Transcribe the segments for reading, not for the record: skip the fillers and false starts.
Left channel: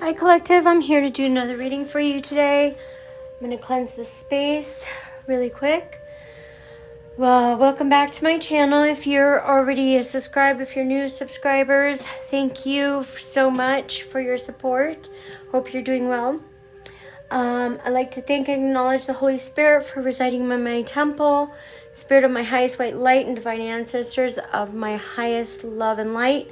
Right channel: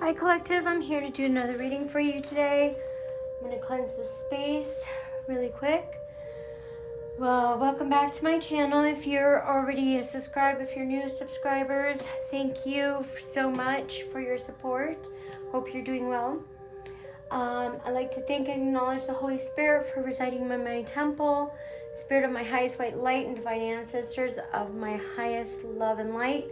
Hi Collective, I'm here to do another reading for you today. I'm going to cleanse this space really quick. Well, welcome back to my channel. If you're already a subscriber, if you're new subscribers, thank you so much for your support. Hope you're doing well. I'd like to thank and acknowledge the Holy Spirit for residing in my temple, Spirit of my highest white light and divine ancestors of my highest love and light.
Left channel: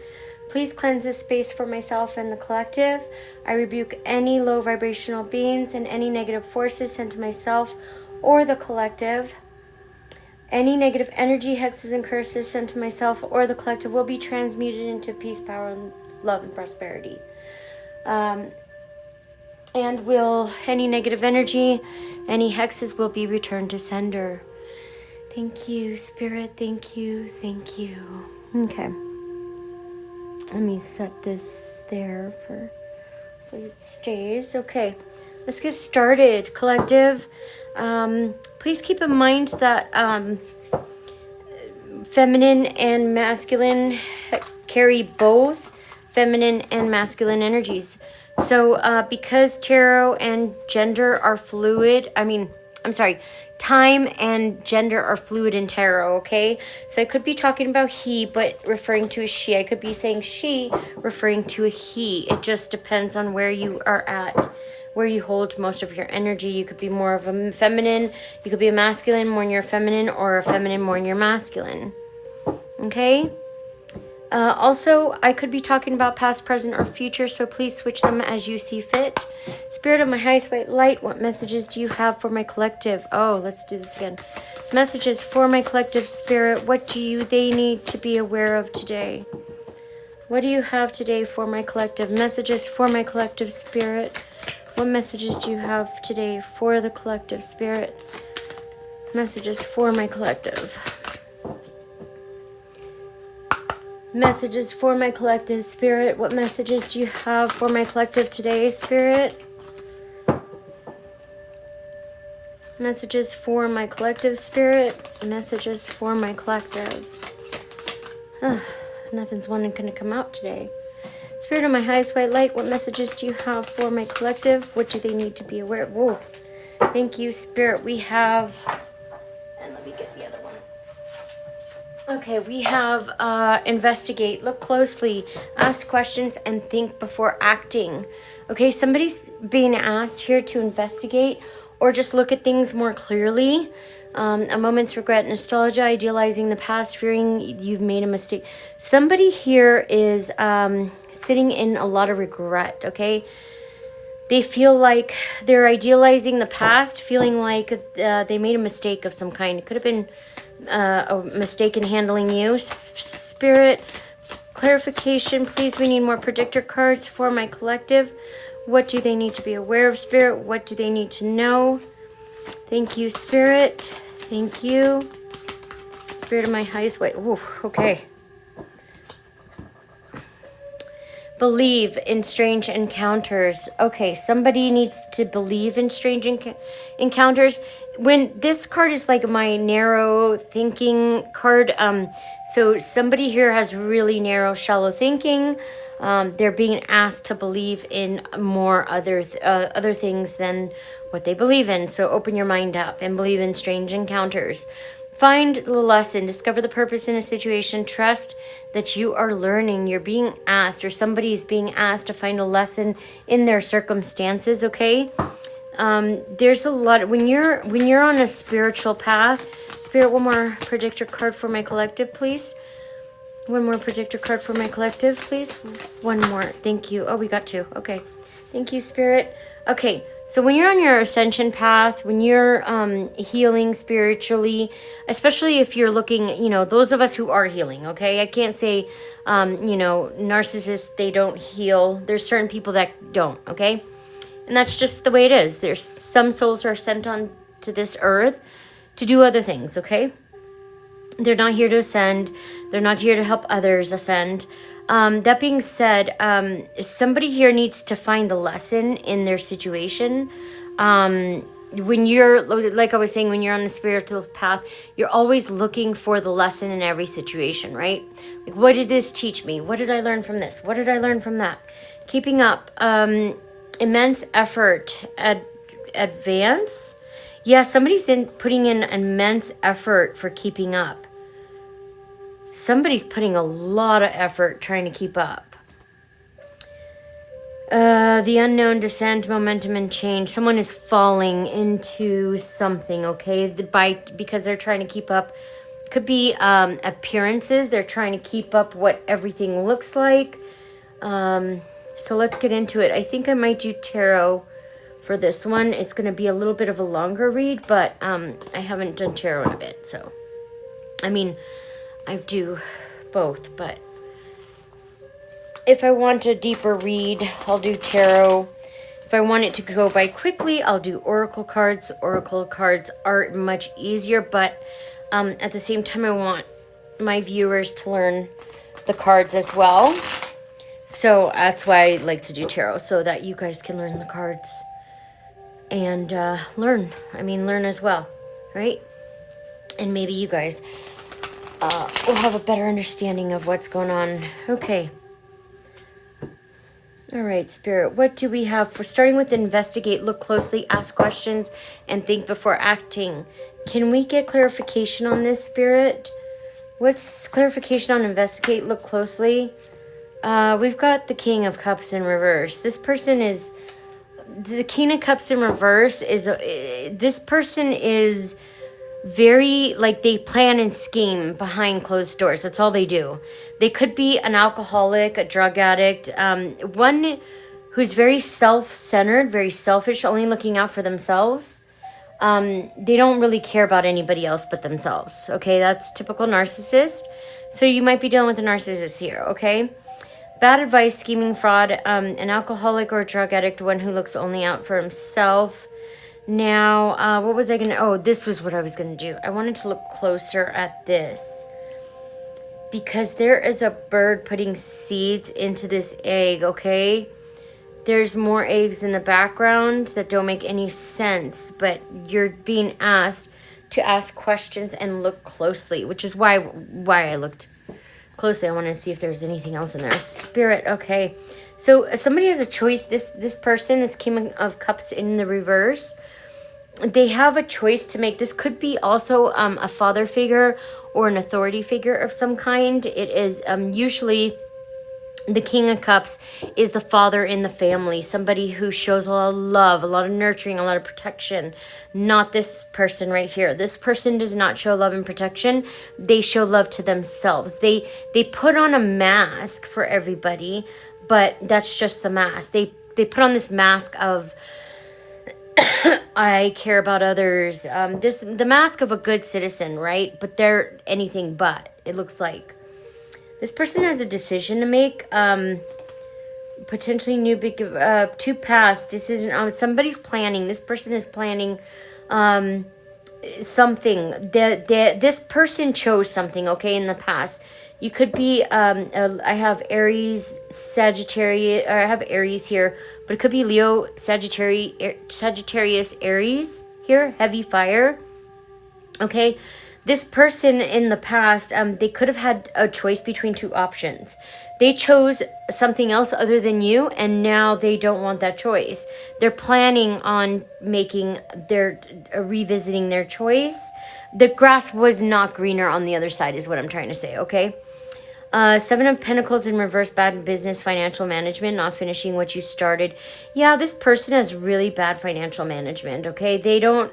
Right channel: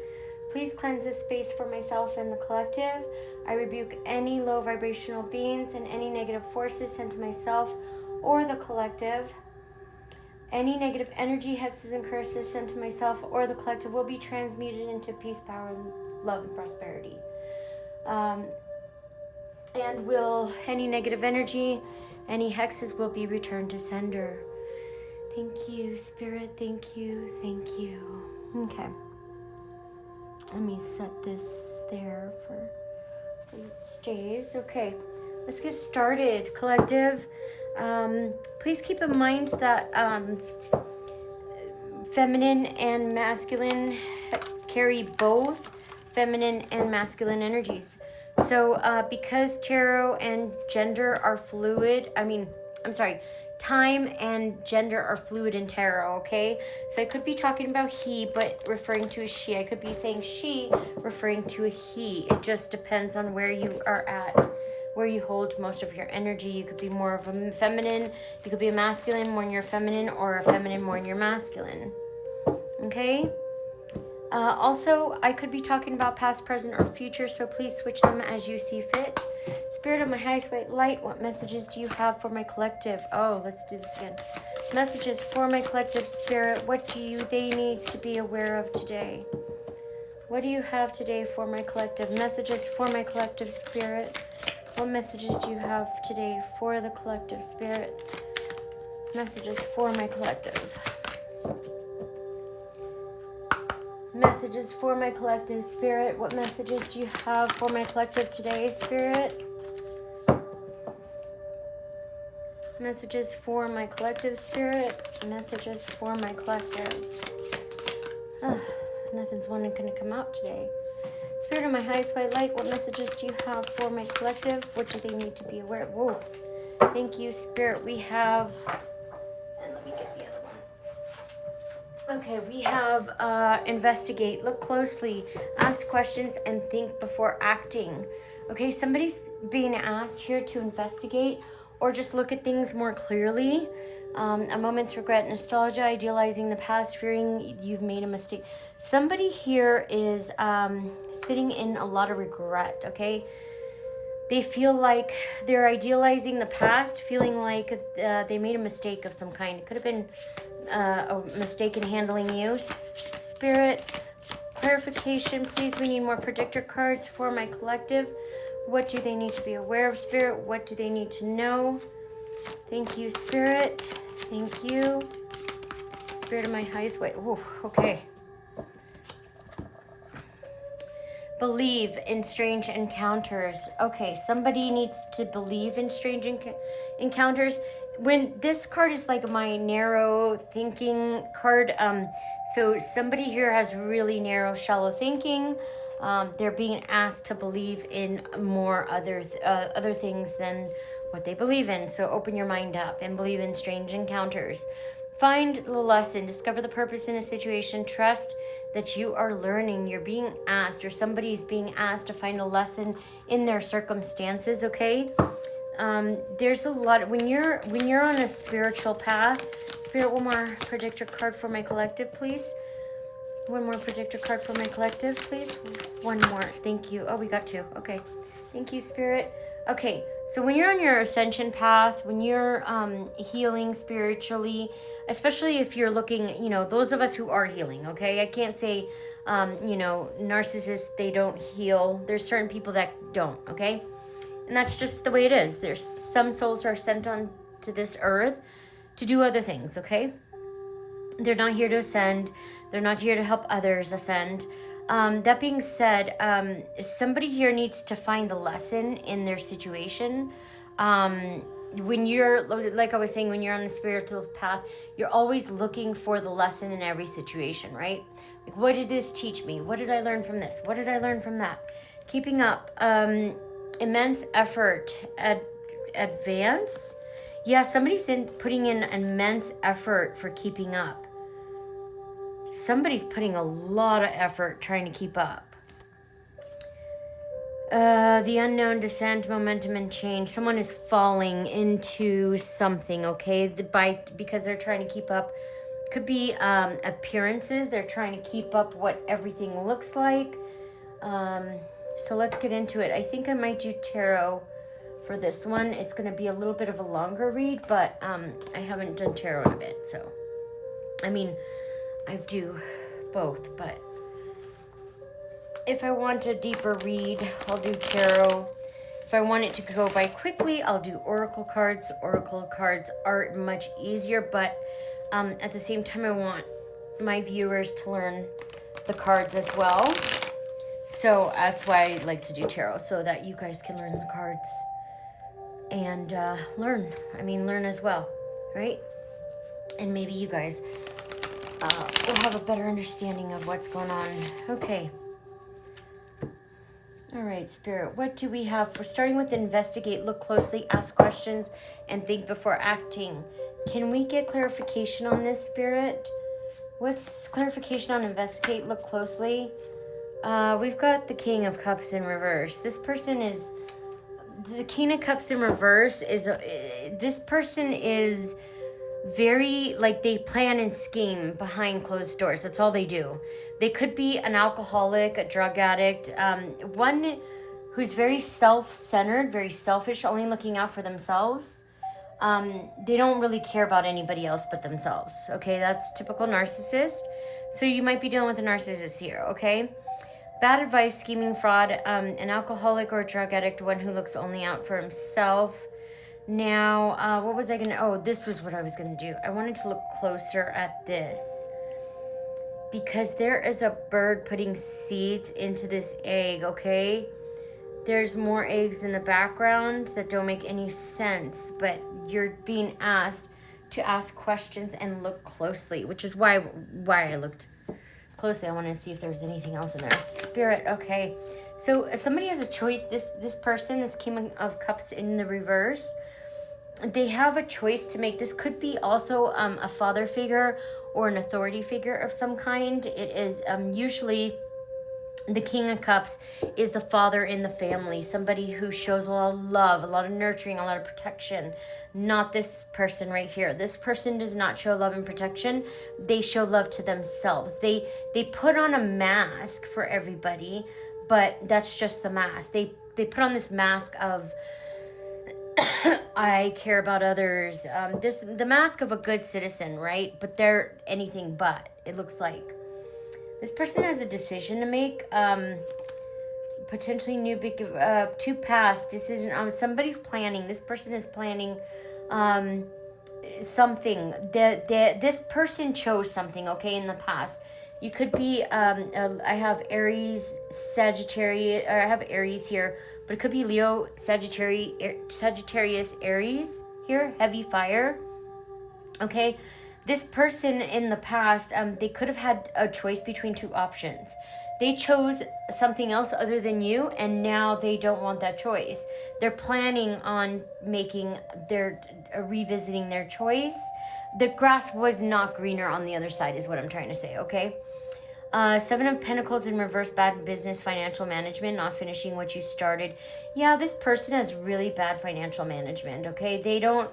Please cleanse this space for myself and the collective. I rebuke any low vibrational beings and any negative forces sent to myself or the collective. Any negative energy, hexes, and curses sent to myself or the collective will be transmuted into peace, power, love, and prosperity. And any negative energy, any hexes will be returned to sender. Thank you, Spirit. Thank you. Thank you. Okay. Let me set this there for it stays. Okay. Let's get started, collective. Please keep in mind that feminine and masculine carry both feminine and masculine energies. So because tarot and gender are fluid, time and gender are fluid in tarot, okay? So I could be talking about he, but referring to a she. I could be saying she, referring to a he. It just depends on where you are at, where you hold most of your energy. You could be more of a feminine, you could be a masculine more in your feminine, or a feminine more in your masculine, okay? Also, I could be talking about past, present, or future, so please switch them as you see fit. Spirit of my highest white light, what messages do you have for my collective? Oh, let's do this again. Messages for my collective spirit. What do they need to be aware of today? What do you have today for my collective? Messages for my collective spirit. What messages do you have today for the collective spirit? Messages for my collective. Messages for my collective spirit. What messages do you have for my collective today, spirit? Messages for my collective spirit. Messages for my collective. Nothing's wanting to come out today. Spirit of my highest white light, what messages do you have for my collective? What do they need to be aware of? Whoa. Thank you, spirit. We have... And let me get the other one. Okay, we have investigate, look closely, ask questions, and think before acting. Okay, somebody's being asked here to investigate or just look at things more clearly. A moment's regret, nostalgia, idealizing the past, fearing you've made a mistake. Somebody here is sitting in a lot of regret, okay? They feel like they're idealizing the past, feeling like they made a mistake of some kind. It could have been a mistake in handling you. Spirit, clarification, please. We need more predictor cards for my collective. What do they need to be aware of, Spirit? What do they need to know? Thank you, Spirit. Thank you. Spirit of my highest white. Ooh, okay. Believe in strange encounters. Okay, somebody needs to believe in strange encounters. When this card is like my narrow thinking card, so somebody here has really narrow, shallow thinking. They're being asked to believe in more other things than what they believe in. So open your mind up and believe in strange encounters. Find the lesson, discover the purpose in a situation, trust that you are learning. You're being asked, or somebody's being asked to find a lesson in their circumstances, okay? There's a lot, when you're on a spiritual path, Spirit, one more predictor card for my collective, please. One more predictor card for my collective, please. One more, thank you. Oh, we got two, okay. Thank you, Spirit. Okay, so when you're on your ascension path, when you're healing spiritually, especially if you're looking, those of us who are healing, okay? I can't say, narcissists, they don't heal. There's certain people that don't, okay? And that's just the way it is. There's some souls are sent on to this earth to do other things, okay? They're not here to ascend. They're not here to help others ascend. That being said, somebody here needs to find the lesson in their situation. When you're, like I was saying, when you're on the spiritual path, you're always looking for the lesson in every situation, right? Like, what did this teach me? What did I learn from this? What did I learn from that? Keeping up. Immense effort. Advance. Yeah, somebody's putting in immense effort for keeping up. Somebody's putting a lot of effort trying to keep up. The unknown, descent, momentum, and change. Someone is falling into something, okay? Because they're trying to keep up. Could be appearances. They're trying to keep up what everything looks like. So let's get into it. I think I might do tarot for this one. It's going to be a little bit of a longer read, but I haven't done tarot in a bit. So, I mean, I do both, but if I want a deeper read, I'll do tarot. If I want it to go by quickly, I'll do oracle cards. Oracle cards are much easier, but at the same time, I want my viewers to learn the cards as well. So that's why I like to do tarot, so that you guys can learn the cards and learn. I mean, learn as well, right? And maybe you guys will have a better understanding of what's going on. Okay. All right, Spirit, what do we have for starting with investigate, look closely, ask questions, and think before acting? Can we get clarification on this, Spirit? What's clarification on investigate, look closely? We've got the King of Cups in reverse. This person is... The King of Cups in reverse is... this person is very... Like, they plan and scheme behind closed doors. That's all they do. They could be an alcoholic, a drug addict, one who's very self-centered, very selfish, only looking out for themselves. They don't really care about anybody else but themselves. Okay, that's typical narcissist. So you might be dealing with a narcissist here, okay? Bad advice, scheming, fraud, an alcoholic or a drug addict, one who looks only out for himself. Now, what was I going to... Oh, this was what I was going to do. I wanted to look closer at this. Because there is a bird putting seeds into this egg, okay? There's more eggs in the background that don't make any sense. But you're being asked to ask questions and look closely. Which is why I looked closely. I want to see if there's anything else in there. Spirit, okay. So somebody has a choice. This person, this King of Cups in the reverse, they have a choice to make. This could be also a father figure or an authority figure of some kind. It is usually the King of Cups is the father in the family, somebody who shows a lot of love, a lot of nurturing, a lot of protection. Not this person right here. This person does not show love and protection. They show love to themselves. They put on a mask for everybody, but that's just the mask. They put on this mask of I care about others. The mask of a good citizen, right? But they're anything but, it looks like. This person has a decision to make. Potentially new big to pass decision. Somebody's planning. This person is planning something. This person chose something, okay, in the past. You could be, I have Aries, Sagittarius, or I have Aries here, but it could be Leo, Sagittarius, Aries here, heavy fire. Okay, this person in the past, they could have had a choice between two options. They chose something else other than you, and now they don't want that choice. They're planning on revisiting their choice. The grass was not greener on the other side is what I'm trying to say, okay? Seven of Pentacles in reverse, bad business, financial management, not finishing what you started. Yeah, this person has really bad financial management, okay? They don't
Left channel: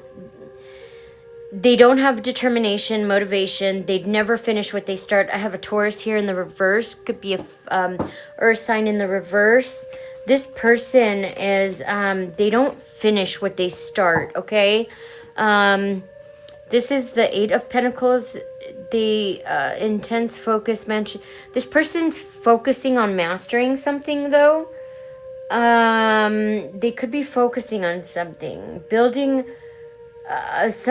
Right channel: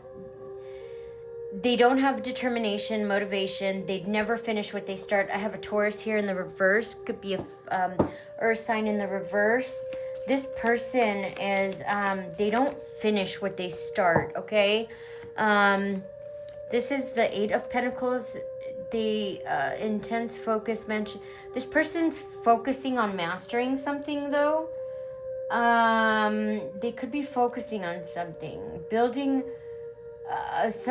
have determination, motivation. They'd never finish what they start. I have a Taurus here in the reverse. Could be a Earth sign in the reverse. This person is, they don't finish what they start, okay? This is the Eight of Pentacles. The intense focus mentioned. This person's focusing on mastering something, though. They could be focusing on something. Building... it's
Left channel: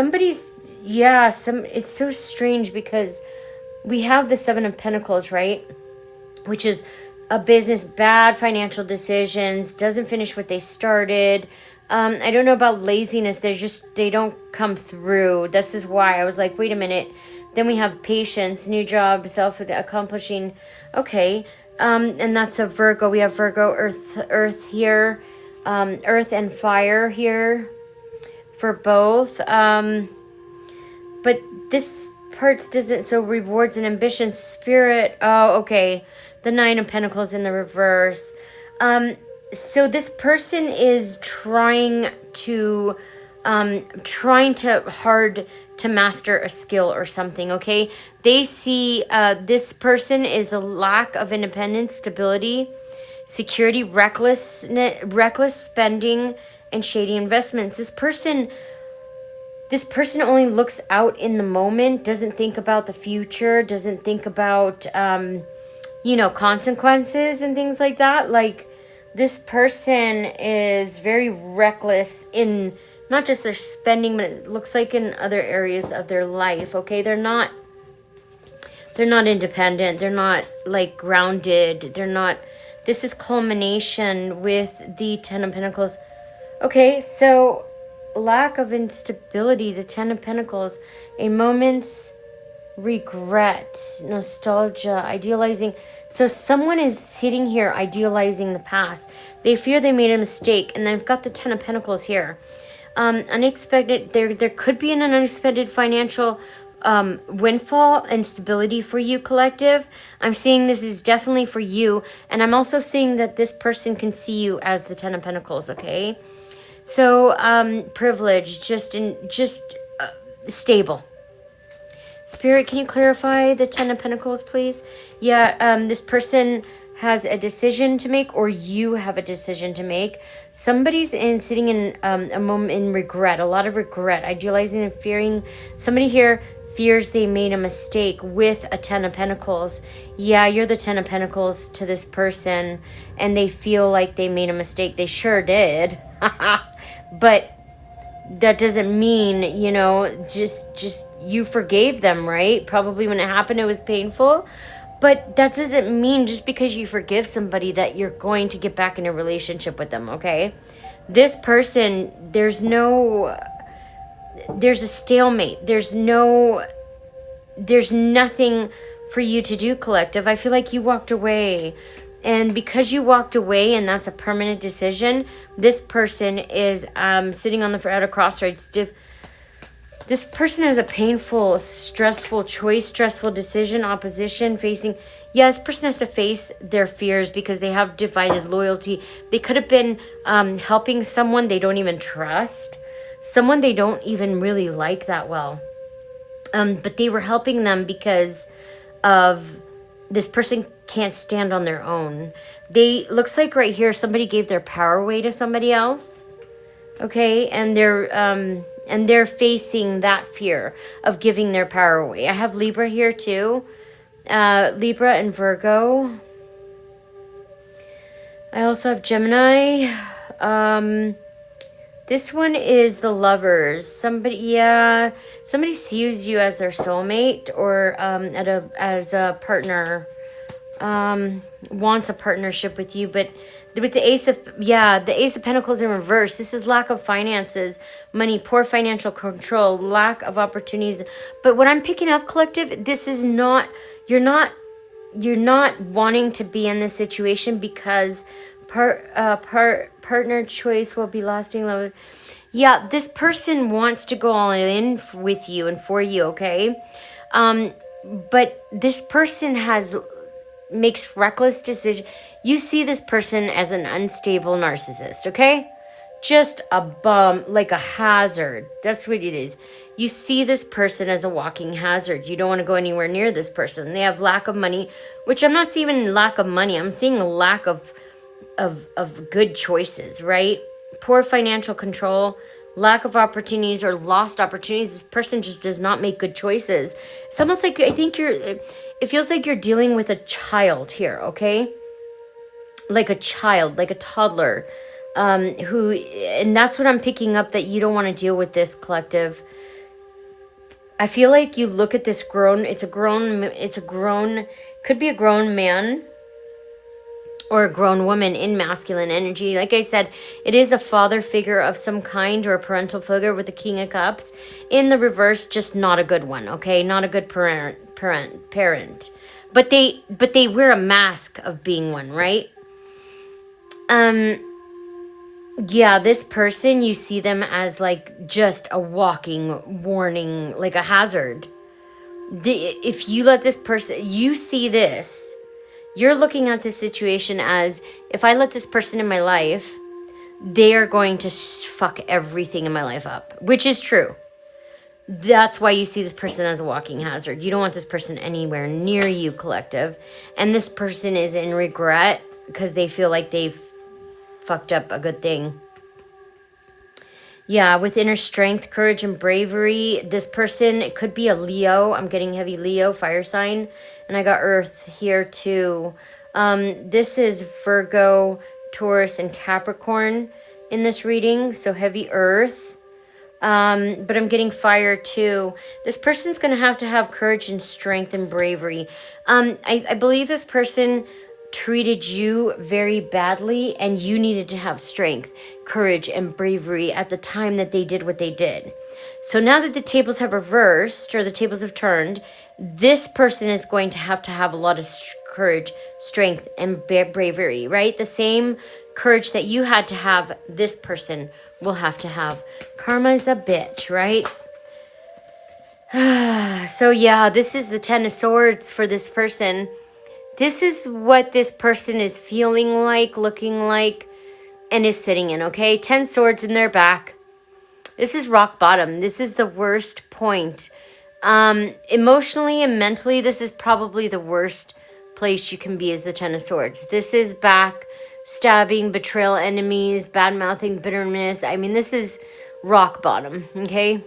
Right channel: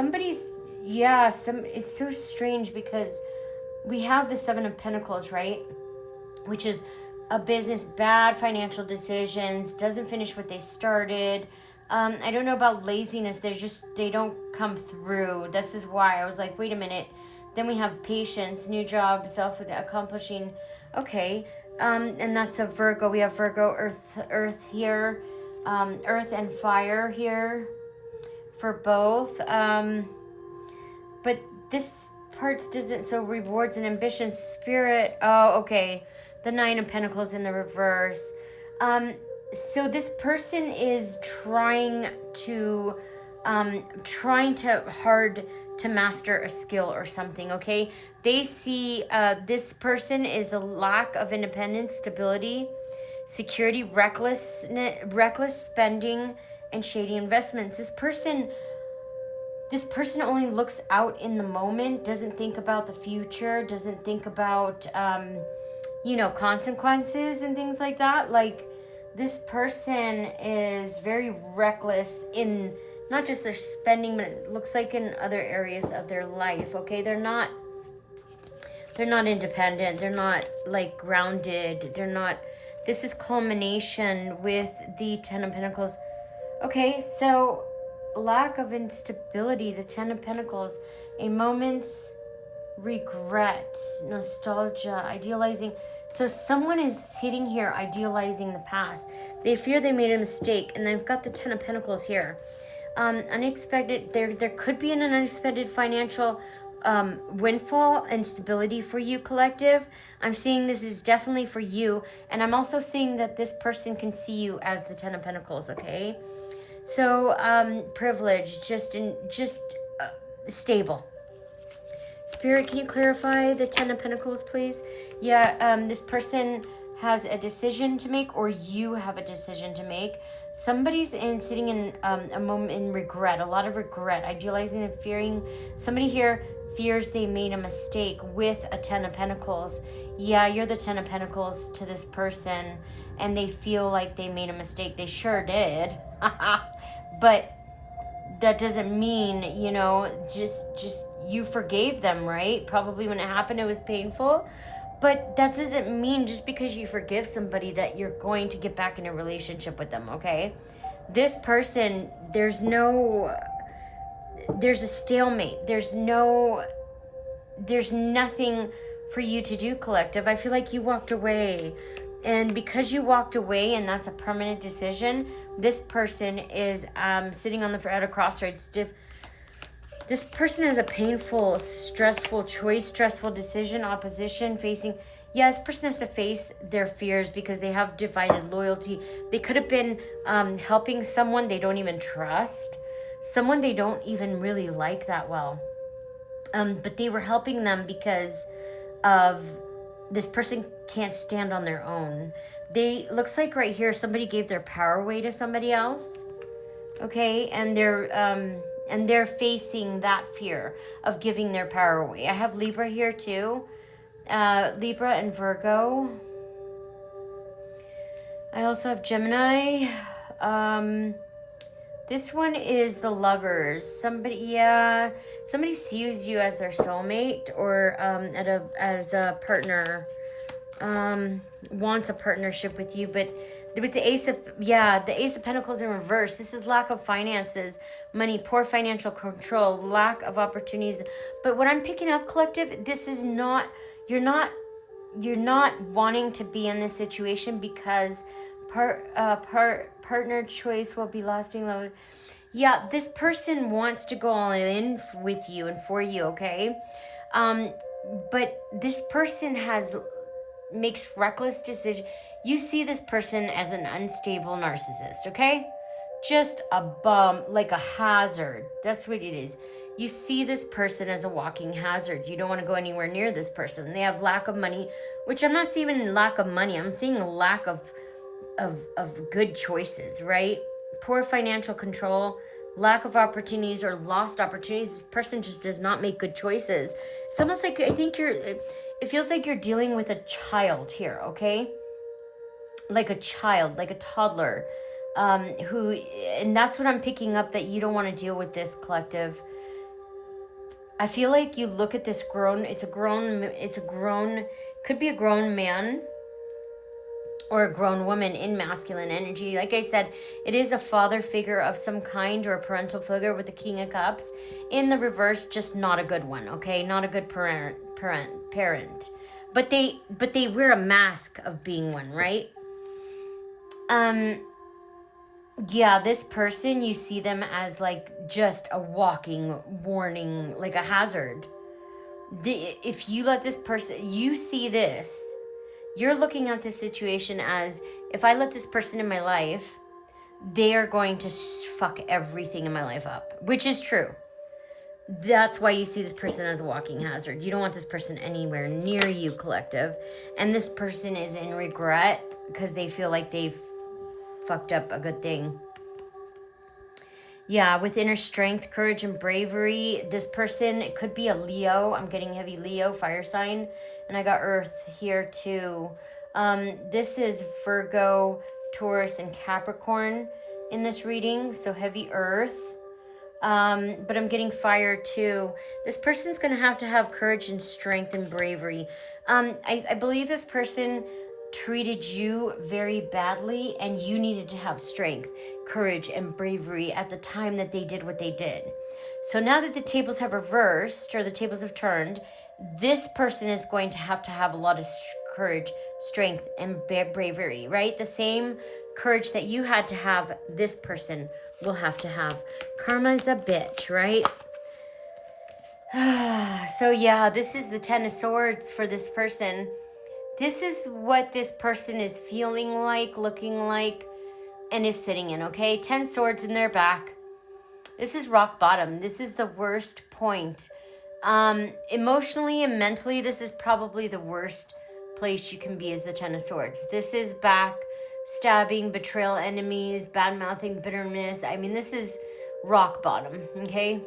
so strange because we have the Seven of Pentacles, right? Which is a business, bad financial decisions, doesn't finish what they started. I don't know about laziness. They don't come through. This is why I was like, wait a minute. Then we have patience, new job, self-accomplishing. Okay. And that's a Virgo. We have Virgo, Earth here, Earth and fire here for both. But this part doesn't, so rewards and ambition, spirit. Oh, okay. The Nine of Pentacles in the reverse. So this person is trying to hard to master a skill or something, okay? They see this person is the lack of independence, stability, security, reckless spending, and shady investments. This person only looks out in the moment, doesn't think about the future, doesn't think about consequences and things like that. Like, this person is very reckless in not just their spending, but it looks like in other areas of their life, okay? They're not independent. They're not, like, grounded. This is culmination with the Ten of Pentacles. Okay, so lack of instability, the Ten of Pentacles, a moment's regret, nostalgia, idealizing. So someone is sitting here idealizing the past. They fear they made a mistake, and they've got the Ten of Pentacles here. Unexpected, there could be an unexpected financial windfall and stability for you, collective. I'm seeing this is definitely for you, and I'm also seeing that this person can see you as the Ten of Pentacles, okay? So privilege, just stable. Spirit, can you clarify the Ten of Pentacles, please? Yeah, this person has a decision to make, or you have a decision to make. Somebody's sitting in a moment in regret, a lot of regret, idealizing and fearing. Somebody here fears they made a mistake with a Ten of Pentacles. Yeah, you're the Ten of Pentacles to this person, and they feel like they made a mistake. They sure did. But that doesn't mean, just you forgave them, right? Probably when it happened, it was painful. But that doesn't mean just because you forgive somebody that you're going to get back in a relationship with them, okay? This person, there's a stalemate. There's nothing for you to do, collective. I feel like you walked away. And because you walked away, and that's a permanent decision, this person is sitting at a crossroads. This person has a painful, stressful choice, stressful decision, opposition, facing. Yeah, this person has to face their fears because they have divided loyalty. They could have been helping someone they don't even trust, someone they don't even really like that well. But they were helping them because of this person can't stand on their own. Looks like right here somebody gave their power away to somebody else. Okay, and they're facing that fear of giving their power away. I have Libra here too. Libra and Virgo. I also have Gemini. This one is the Lovers. Somebody sees you as their soulmate, or as a partner, wants a partnership with you. But with the Ace of Pentacles in reverse, this is lack of finances, money, poor financial control, lack of opportunities. But what I'm picking up, collective, this is not, you're not wanting to be in this situation because partner choice will be lasting low. Yeah, this person wants to go all in with you and for you, okay? But this person makes reckless decisions. You see this person as an unstable narcissist, okay? Just a bum, like a hazard. That's what it is. You see this person as a walking hazard. You don't want to go anywhere near this person. They have lack of money, which I'm not seeing lack of money. I'm seeing a lack of good choices, right? Poor financial control, lack of opportunities or lost opportunities. This person just does not make good choices. It's almost like, it feels like you're dealing with a child here, okay? Like a child, like a toddler, and that's what I'm picking up, that you don't want to deal with this, collective. I feel like you look at this could be a grown man or a grown woman in masculine energy. Like I said, it is a father figure of some kind, or a parental figure with the King of Cups. In the reverse, just not a good one, okay? Not a good parent. but they wear a mask of being one, right? Yeah, this person, you see them as like just a walking warning, like a hazard. If you let this person, you see this, you're looking at this situation as, if I let this person in my life, they are going to fuck everything in my life up, which is true. That's why you see this person as a walking hazard. You don't want this person anywhere near you, collective. And this person is in regret because they feel like they've fucked up a good thing. Yeah, with inner strength, courage, and bravery, this person, it could be a Leo. I'm getting heavy Leo, fire sign. And I got Earth here too. This is Virgo, Taurus, and Capricorn in this reading. So heavy Earth. But I'm getting fire too. This person's going to have courage and strength and bravery. I believe this person treated you very badly and you needed to have strength, courage, and bravery at the time that they did what they did. So now that the tables have reversed, or the tables have turned, this person is going to have a lot of courage, strength, and bravery, right? The same courage that you had to have, this person will have to have. Karma's a bitch, right? So yeah, this is the Ten of Swords for this person. This is what this person is feeling like, looking like, and is sitting in, okay? 10 swords in their back. This is rock bottom. This is the worst point. Emotionally and mentally, this is probably the worst place you can be, is the Ten of Swords. This is back stabbing, betrayal, enemies, bad-mouthing, bitterness. I mean, this is rock bottom, okay?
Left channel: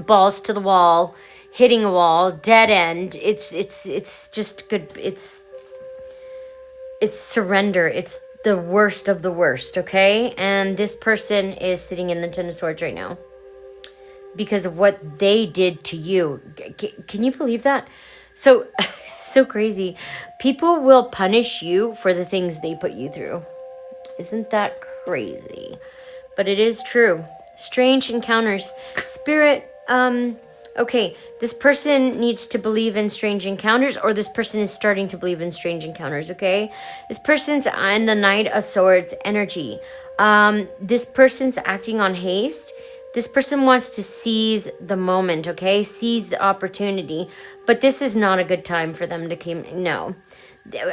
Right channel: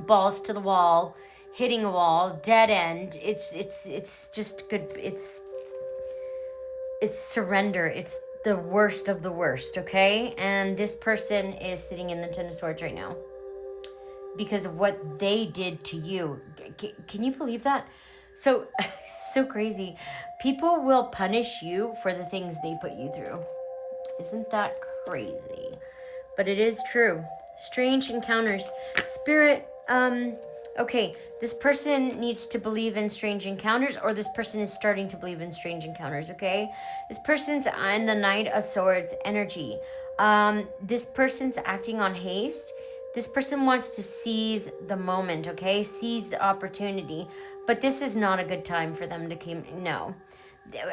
Balls to the wall, hitting a wall, dead end. It's just good. It's surrender. It's the worst of the worst, okay? And this person is sitting in the Ten of Swords right now because of what they did to you. Can you believe that? So crazy. People will punish you for the things they put you through. Isn't that crazy? But it is true. Strange encounters. Spirit, okay, this person needs to believe in strange encounters, or this person is starting to believe in strange encounters, okay? This person's on the Knight of Swords energy. This person's acting on haste. This person wants to seize the moment, okay? Seize the opportunity. But this is not a good time for them to come. No.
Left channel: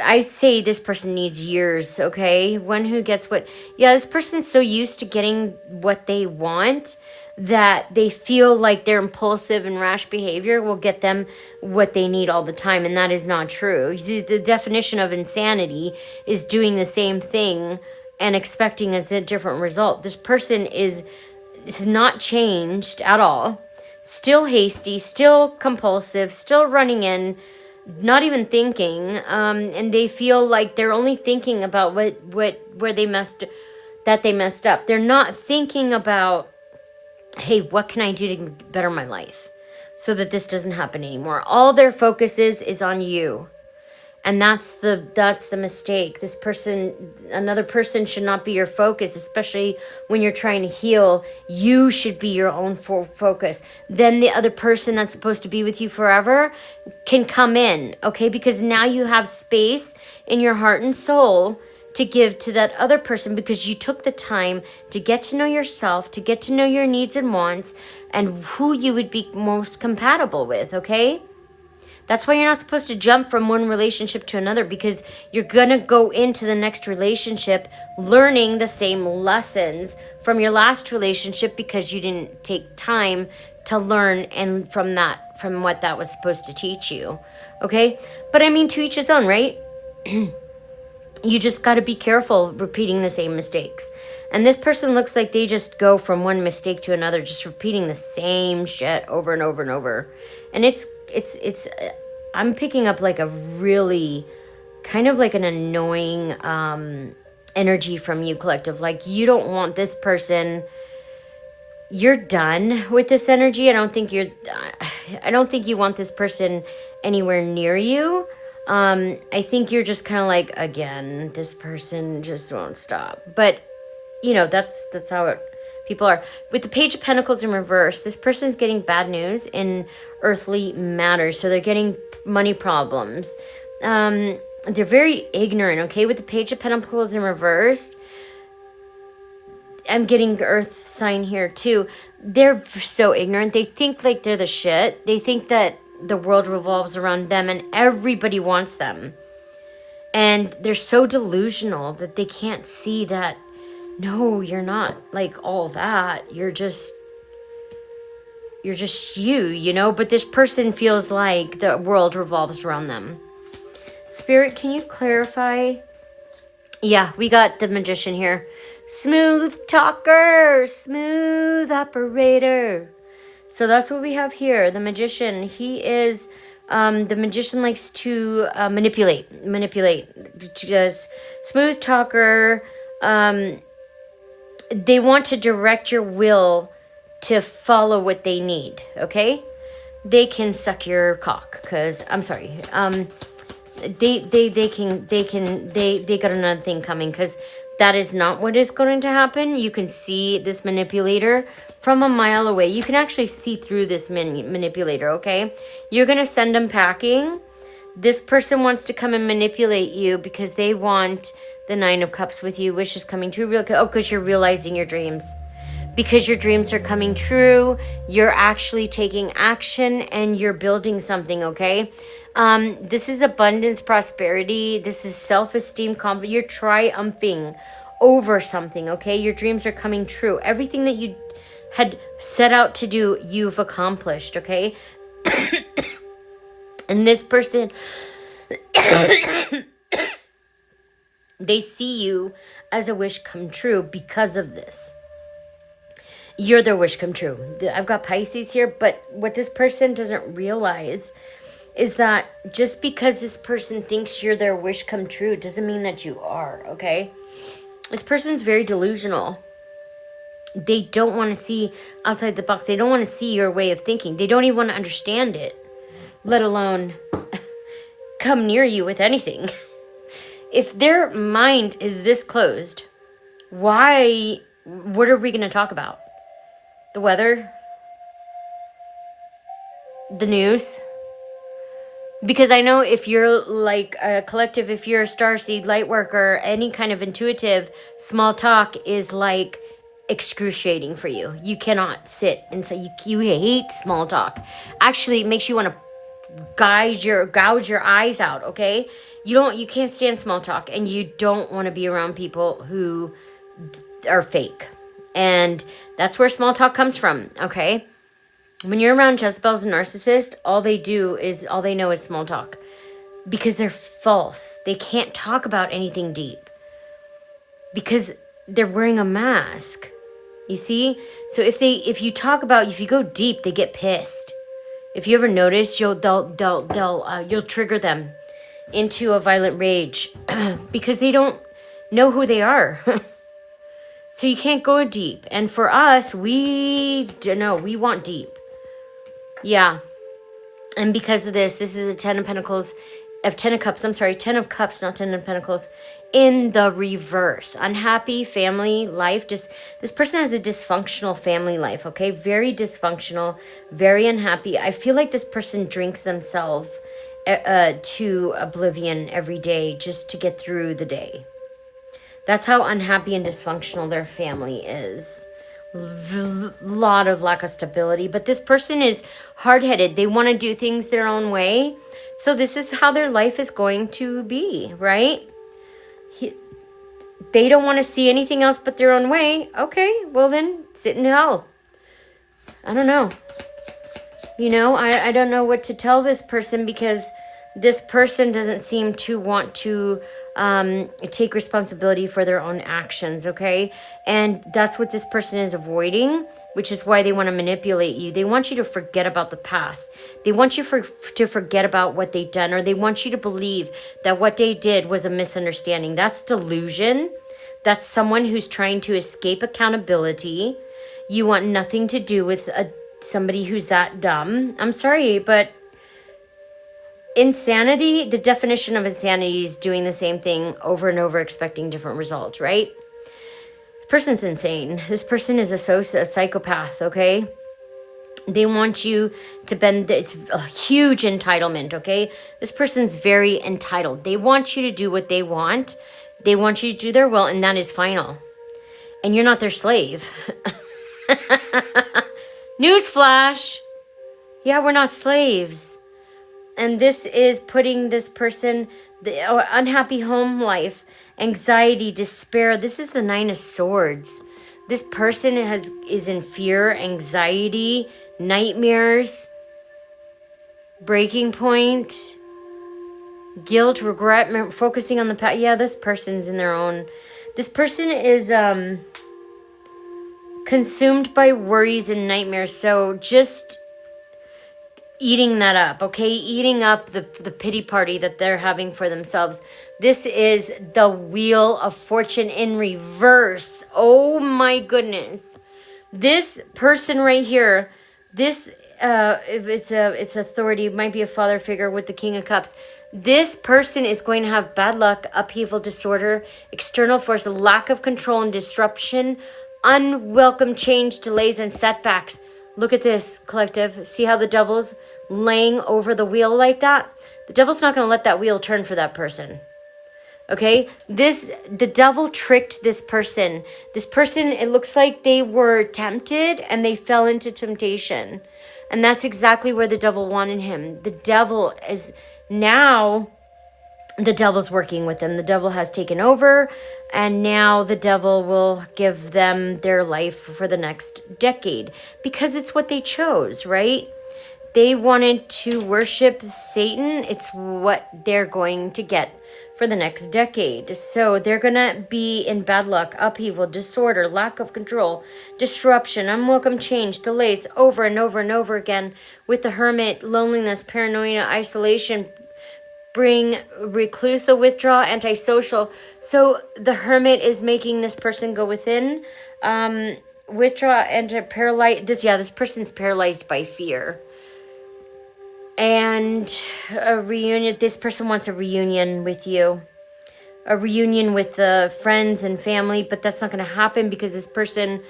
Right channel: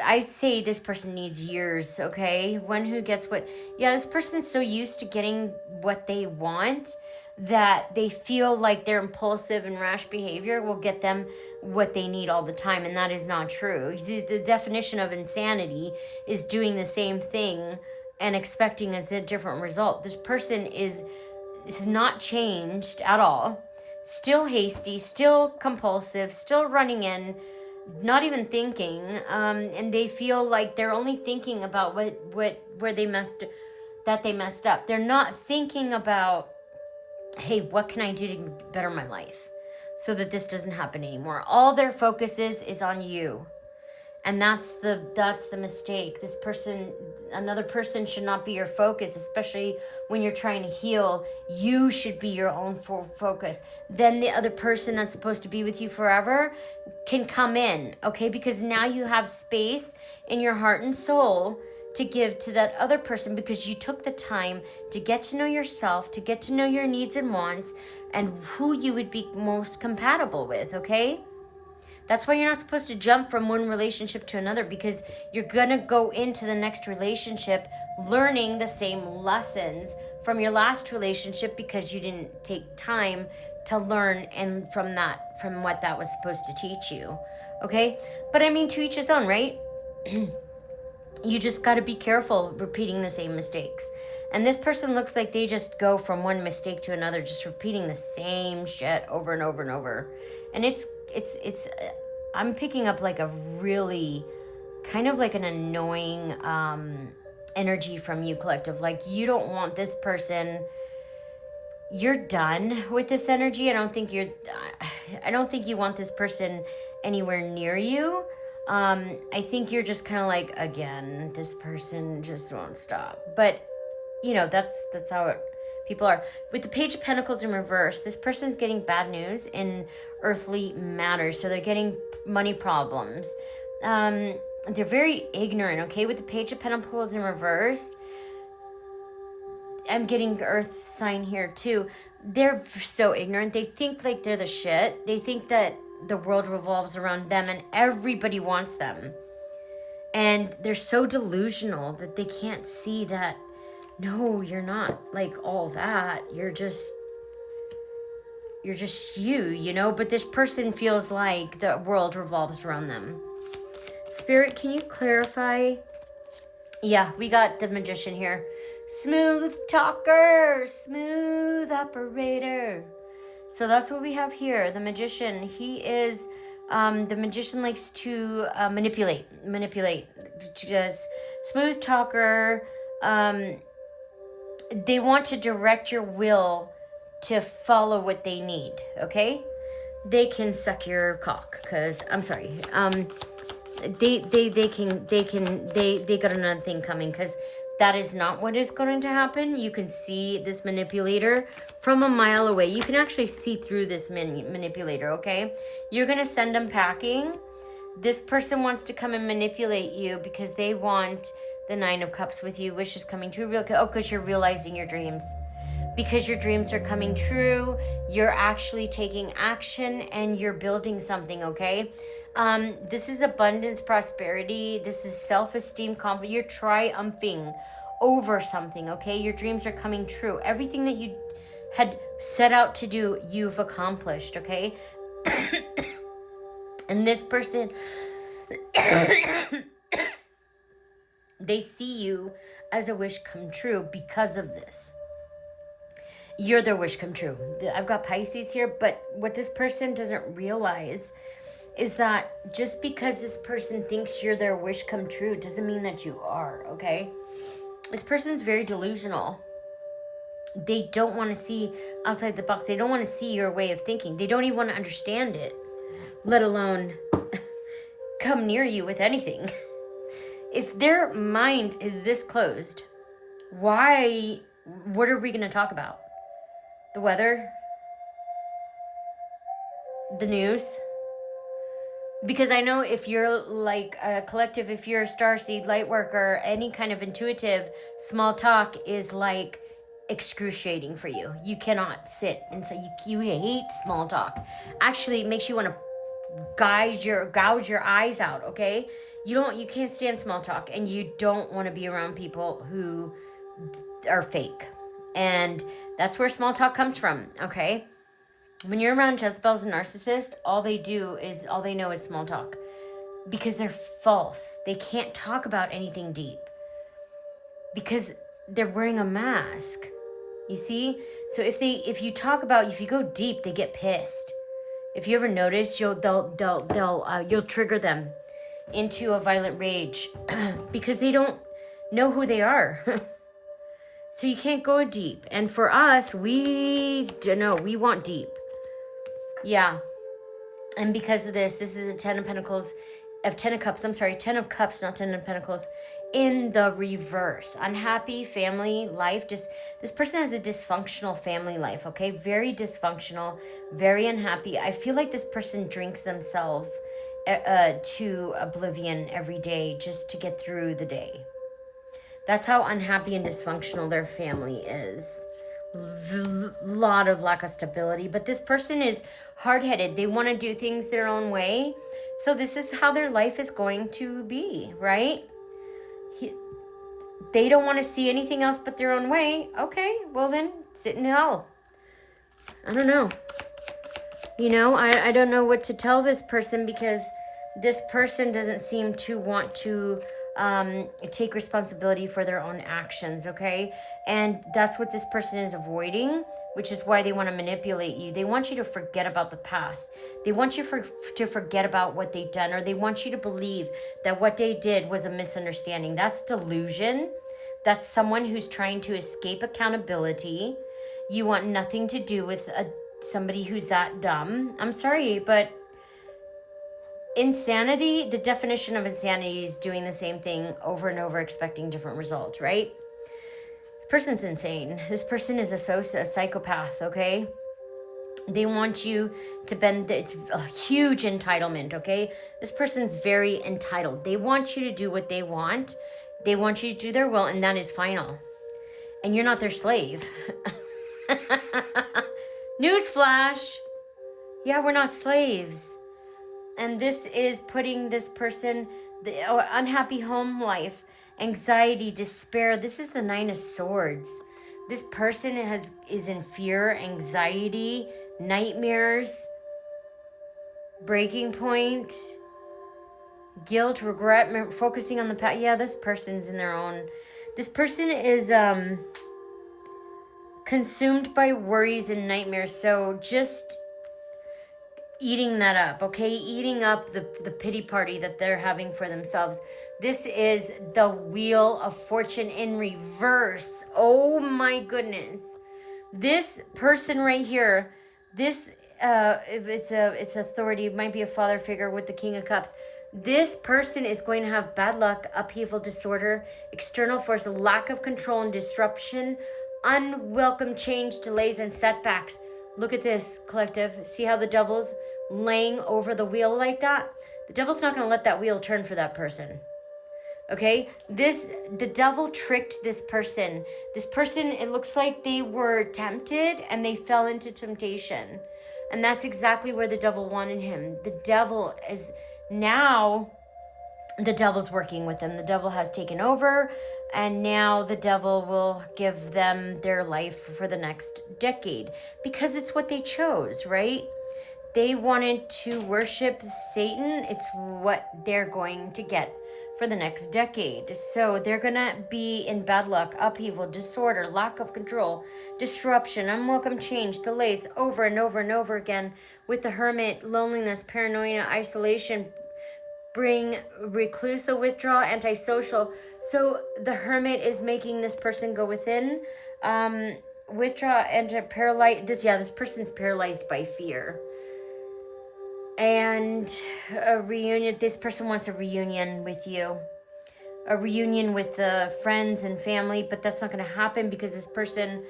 I say this person needs years, okay? One who gets what... Yeah, this person's so used to getting what they want that they feel like their impulsive and rash behavior will get them what they need all the time, and that is not true. The definition of insanity is doing the same thing and expecting a different result. This person is not changed at all. Still hasty, still compulsive, still running in, not even thinking, and they feel like they're only thinking about where they messed up. They're not thinking about, hey, what can I do to better my life so that this doesn't happen anymore? All their focus is on you. And that's the mistake. Another person should not be your focus, especially when you're trying to heal. You should be your own focus. Then the other person that's supposed to be with you forever can come in, okay? Because now you have space in your heart and soul to give to that other person because you took the time to get to know yourself, to get to know your needs and wants, and who you would be most compatible with, okay? That's why you're not supposed to jump from one relationship to another, because you're going to go into the next relationship learning the same lessons from your last relationship because you didn't take time to learn and from what that was supposed to teach you. Okay? But I mean, to each his own, right? You just got to be careful repeating the same mistakes. And this person looks like they just go from one mistake to another, just repeating the same shit over and over and over. And it's I'm picking up like a really kind of like an annoying energy from you, collective. Like, you don't want this person. You're done with this energy. I don't think you want this person anywhere near you. I think you're just kind of like, again, this person just won't stop. But that's how it people are. With the Page of Pentacles in reverse, this person's getting bad news in earthly matters. So they're getting money problems. They're very ignorant, okay? With the Page of Pentacles in reverse, I'm getting earth sign here too. They're so ignorant. They think like they're the shit. They think that the world revolves around them and everybody wants them. And they're so delusional that they can't see that, no, you're not like all that. You're just you know? But this person feels like the world revolves around them. Spirit, can you clarify? Yeah, we got the Magician here. Smooth talker, smooth operator. So that's what we have here. The Magician, he is, the Magician likes to manipulate. Just smooth talker. They want to direct your will to follow what they need, okay? They can suck your cock, because, I'm sorry, they got another thing coming, because that is not what is going to happen. You can see this manipulator from a mile away. You can actually see through this manipulator, okay? You're going to send them packing. This person wants to come and manipulate you because they want the 9 of Cups with you. Wishes coming true. Because you're realizing your dreams. Because your dreams are coming true. You're actually taking action and you're building something, okay? This is abundance, prosperity. This is self-esteem, confidence. You're triumphing over something, okay? Your dreams are coming true. Everything that you had set out to do, you've accomplished, okay? And this person, they see you as a wish come true because of this. You're their wish come true. I've got Pisces here, but what this person doesn't realize is that just because this person thinks you're their wish come true doesn't mean that you are, okay? This person's very delusional. They don't want to see outside the box. They don't want to see your way of thinking. They don't even want to understand it, let alone come near you with anything. If their mind is this closed, what are we going to talk about? The weather? The news? Because I know if you're like a collective, if you're a starseed, light worker, any kind of intuitive, small talk is like excruciating for you. You cannot sit and say you hate small talk. Actually, it makes you want to gouge your eyes out, okay? You can't stand small talk, and you don't want to be around people who are fake. And that's where small talk comes from, okay? When you're around Jezebels and narcissists, all they know is small talk. Because they're false. They can't talk about anything deep. Because they're wearing a mask. You see? So if you go deep, they get pissed. If you ever notice, you'll trigger them into a violent rage because they don't know who they are. So you can't go deep. And for us, we want deep. Yeah. And because of this is a 10 of Pentacles, 10 of Cups, not 10 of Pentacles, in the reverse. Unhappy family life. This person has a dysfunctional family life, okay? Very dysfunctional, very unhappy. I feel like this person drinks themselves to oblivion every day just to get through the day. That's how unhappy and dysfunctional their family is. Lot of lack of stability. But this person is hard-headed. They want to do things their own way. So this is how their life is going to be, right? They don't want to see anything else but their own way. Okay, well then, sit in hell. I don't know. I don't know what to tell this person because this person doesn't seem to want to take responsibility for their own actions, okay? And that's what this person is avoiding, which is why they want to manipulate you. They want you to forget about the past. They want you to forget about what they've done, or they want you to believe that what they did was a misunderstanding. That's delusion. That's someone who's trying to escape accountability. You want nothing to do with somebody who's that dumb. I'm sorry, but insanity, the definition of insanity is doing the same thing over and over, expecting different results, right? This person's insane. This person is a psychopath, okay? They want you to bend. It's a huge entitlement, okay? This person's very entitled. They want you to do what they want. They want you to do their will, and that is final. And you're not their slave. Newsflash. Yeah, we're not slaves. And this is putting this person, the unhappy home life, anxiety, despair. This is the Nine of Swords. This person is in fear, anxiety, nightmares, breaking point, guilt, regret, focusing on the past. Yeah, this person's in their own. This person is consumed by worries and nightmares. So just eating that up, okay? Eating up the pity party that they're having for themselves. This is the Wheel of Fortune in reverse. Oh my goodness. This person right here, this if it's authority, it might be a father figure with the King of Cups. This person is going to have bad luck, upheaval, disorder, external force, lack of control and disruption, unwelcome change, delays, and setbacks. Look at this, collective. See how the devil's laying over the wheel like that? The devil's not going to let that wheel turn for that person. Okay? The devil tricked this person. This person, it looks like they were tempted and they fell into temptation. And that's exactly where the devil wanted him. The devil is now, the devil's working with them. The devil has taken over, and now the devil will give them their life for the next decade because it's what they chose, right? They wanted to worship Satan. It's what they're going to get for the next decade. So they're going to be in bad luck, upheaval, disorder, lack of control, disruption, unwelcome change, delays over and over and over again with the hermit, loneliness, paranoia, isolation, bring recluse, the withdraw, antisocial. So the hermit is making this person go within, withdraw, and paralyze. This person's paralyzed by fear. And a reunion, this person wants a reunion with you. A reunion with the friends and family, but that's not going to happen because this person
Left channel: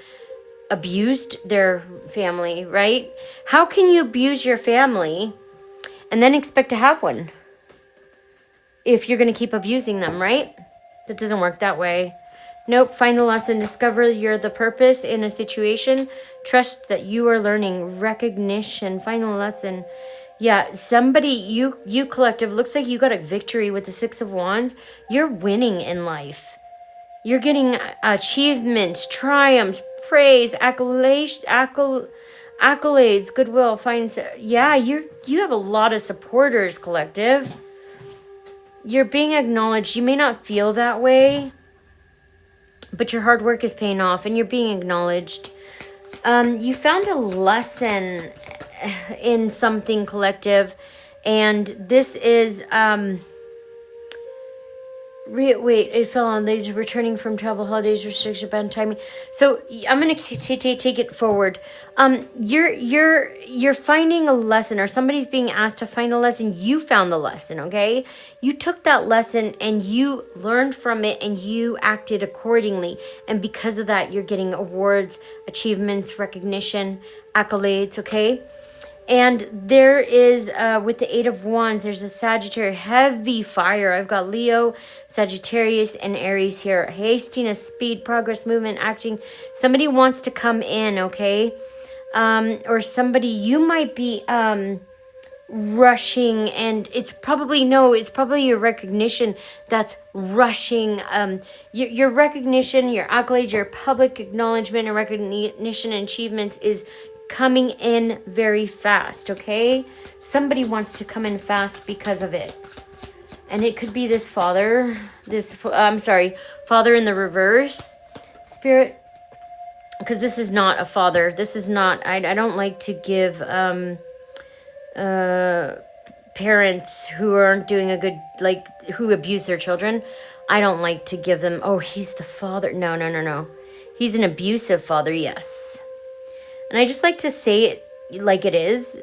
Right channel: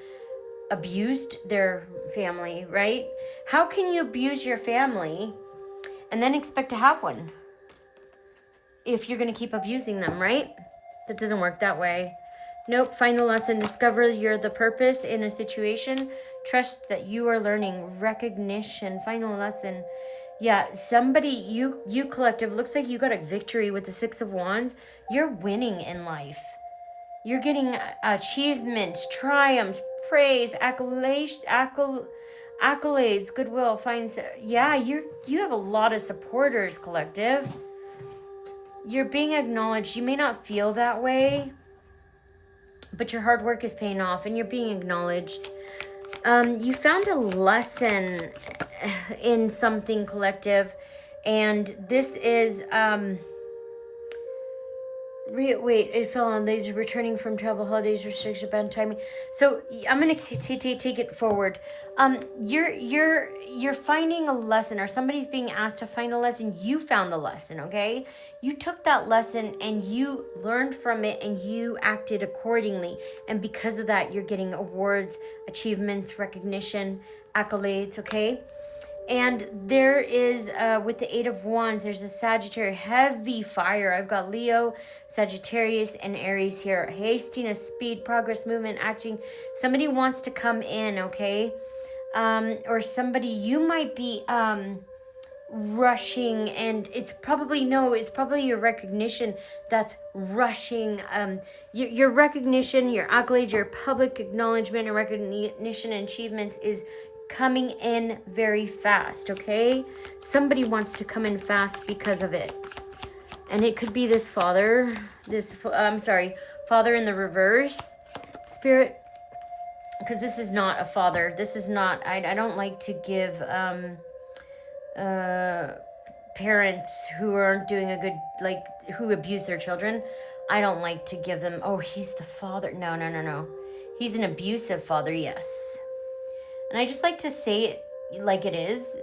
abused their family, right? How can you abuse your family and then expect to have one if you're going to keep abusing them, right? That doesn't work that way. Nope. Final lesson. Discover you're the purpose in a situation. Trust that you are learning. Recognition. Final lesson. Yeah, somebody, you collective, looks like you got a victory with the Six of Wands. You're winning in life. You're getting achievements, triumphs, praise, accolades, goodwill, yeah, you have a lot of supporters, collective. You're being acknowledged. You may not feel that way, but your hard work is paying off and you're being acknowledged. You found a lesson in something, collective, and this is it fell on these returning from travel, holidays, restriction, bad timing. So I'm gonna take it forward. You're finding a lesson, or somebody's being asked to find a lesson. You found the lesson, okay? You took that lesson and you learned from it and you acted accordingly. And because of that, you're getting awards, achievements, recognition, accolades, okay? And there is, with the Eight of Wands, there's a Sagittarius, heavy fire. I've got Leo, Sagittarius, and Aries here. Hastiness, speed, progress, movement, acting. Somebody wants to come in, okay? Or somebody, you might be rushing, and it's probably your recognition that's rushing. Your recognition, your accolades, your public acknowledgement and recognition and achievements is coming in very fast, okay? Somebody wants to come in fast because of it. And it could be this father, father in the reverse spirit, because this is not a father. This is not, I don't like to give parents who aren't doing a good, who abuse their children. I don't like to give them, oh, he's the father. No. He's an abusive father, yes. And I just like to say it like it is,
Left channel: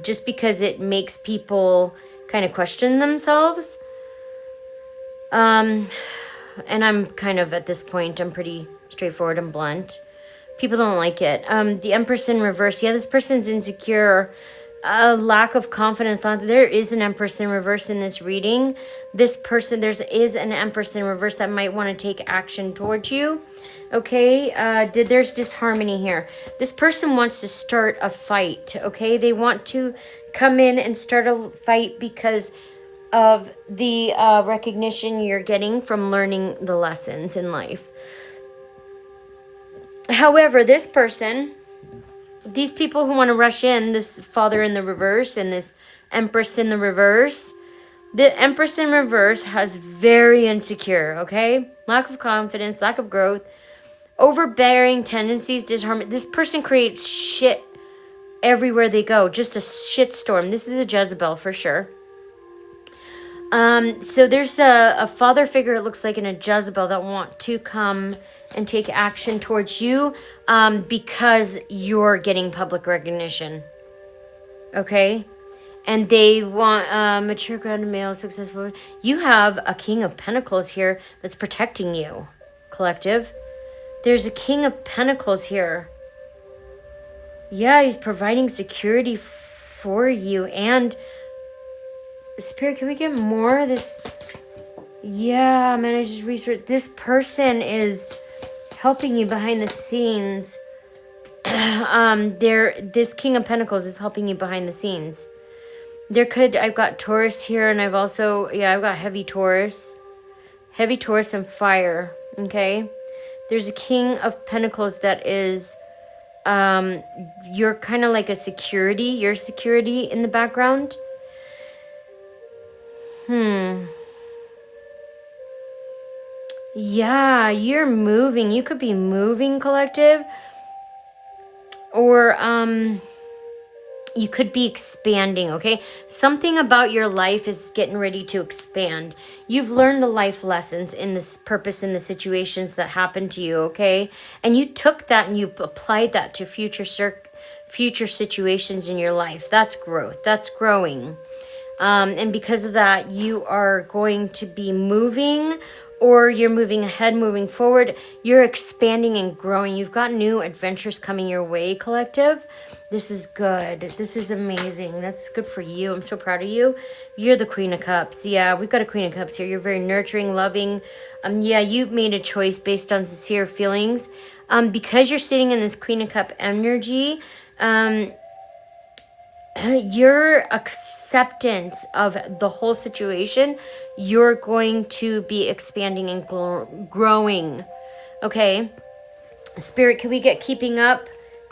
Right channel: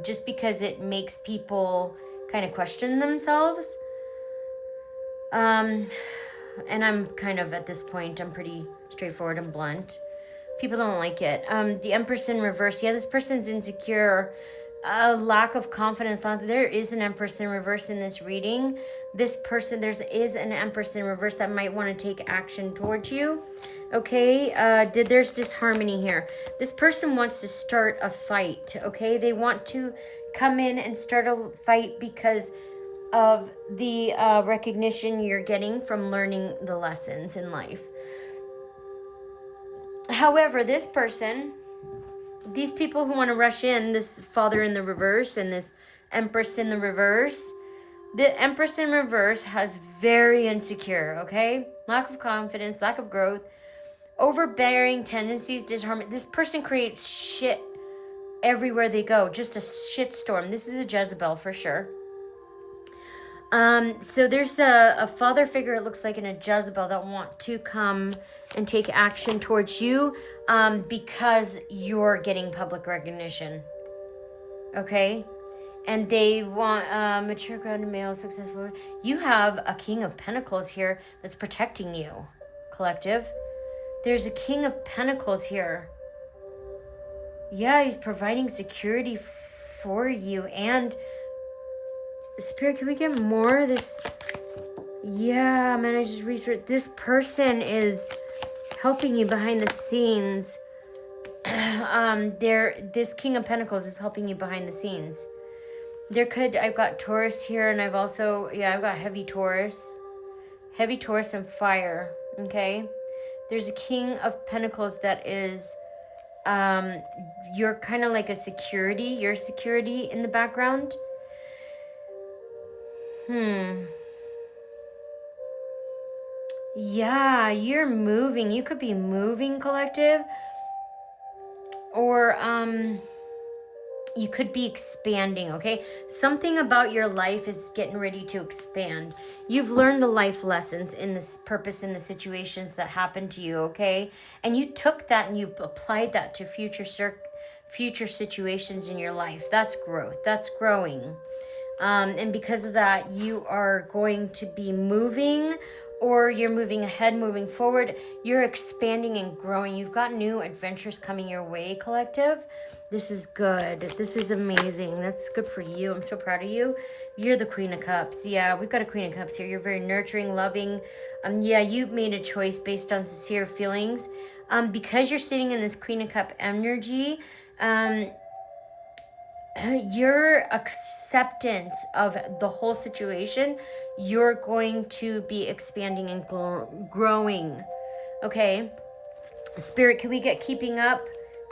just because it makes people kind of question themselves. And I'm kind of, at this point, I'm pretty straightforward and blunt. People don't like it. The Empress in reverse. Yeah, this person's insecure. A lack of confidence. There is an Empress in reverse in this reading. This person, is an Empress in reverse that might want to take action towards you. Okay, there's disharmony here. This person wants to start a fight. Okay, they want to come in and start a fight because of the recognition you're getting from learning the lessons in life. However, this person, these people who want to rush in, this Father in the reverse and this Empress in the reverse, the Empress in reverse has very insecure, okay? Lack of confidence, lack of growth, overbearing tendencies, disharmony. This person creates shit everywhere they go, just a shit storm. This is a Jezebel for sure. So there's a father figure, it looks like, in a Jezebel that want to come and take action towards you because you're getting public recognition. Okay? And they want mature, grounded, male, successful. You have a King of Pentacles here that's protecting you, collective. There's a King of Pentacles here. Yeah, he's providing security for you. And Spirit, can we get more of this? Yeah, man, I just researched. This person is helping you behind the scenes. This King of Pentacles is helping you behind the scenes. I've got Taurus here, and I've got heavy Taurus. Heavy Taurus and fire, okay? There's a King of Pentacles that is, you're kind of like your security in the background. Yeah, you're moving. You could be moving, collective. Or, you could be expanding, okay? Something about your life is getting ready to expand. You've learned the life lessons in this purpose, in the situations that happened to you, okay? And you took that and you applied that to future situations in your life. That's growth. That's growing. And because of that, you are going to be moving, or you're moving ahead, moving forward. You're expanding and growing. You've got new adventures coming your way, collective. This is good. This is amazing. That's good for you. I'm so proud of you. You're the Queen of Cups. Yeah, we've got a Queen of Cups here. You're very nurturing, loving. Yeah, you made a choice based on sincere feelings. Because you're sitting in this Queen of Cup energy, your acceptance of the whole situation, you're going to be expanding and growing. Okay. Spirit, can we get keeping up?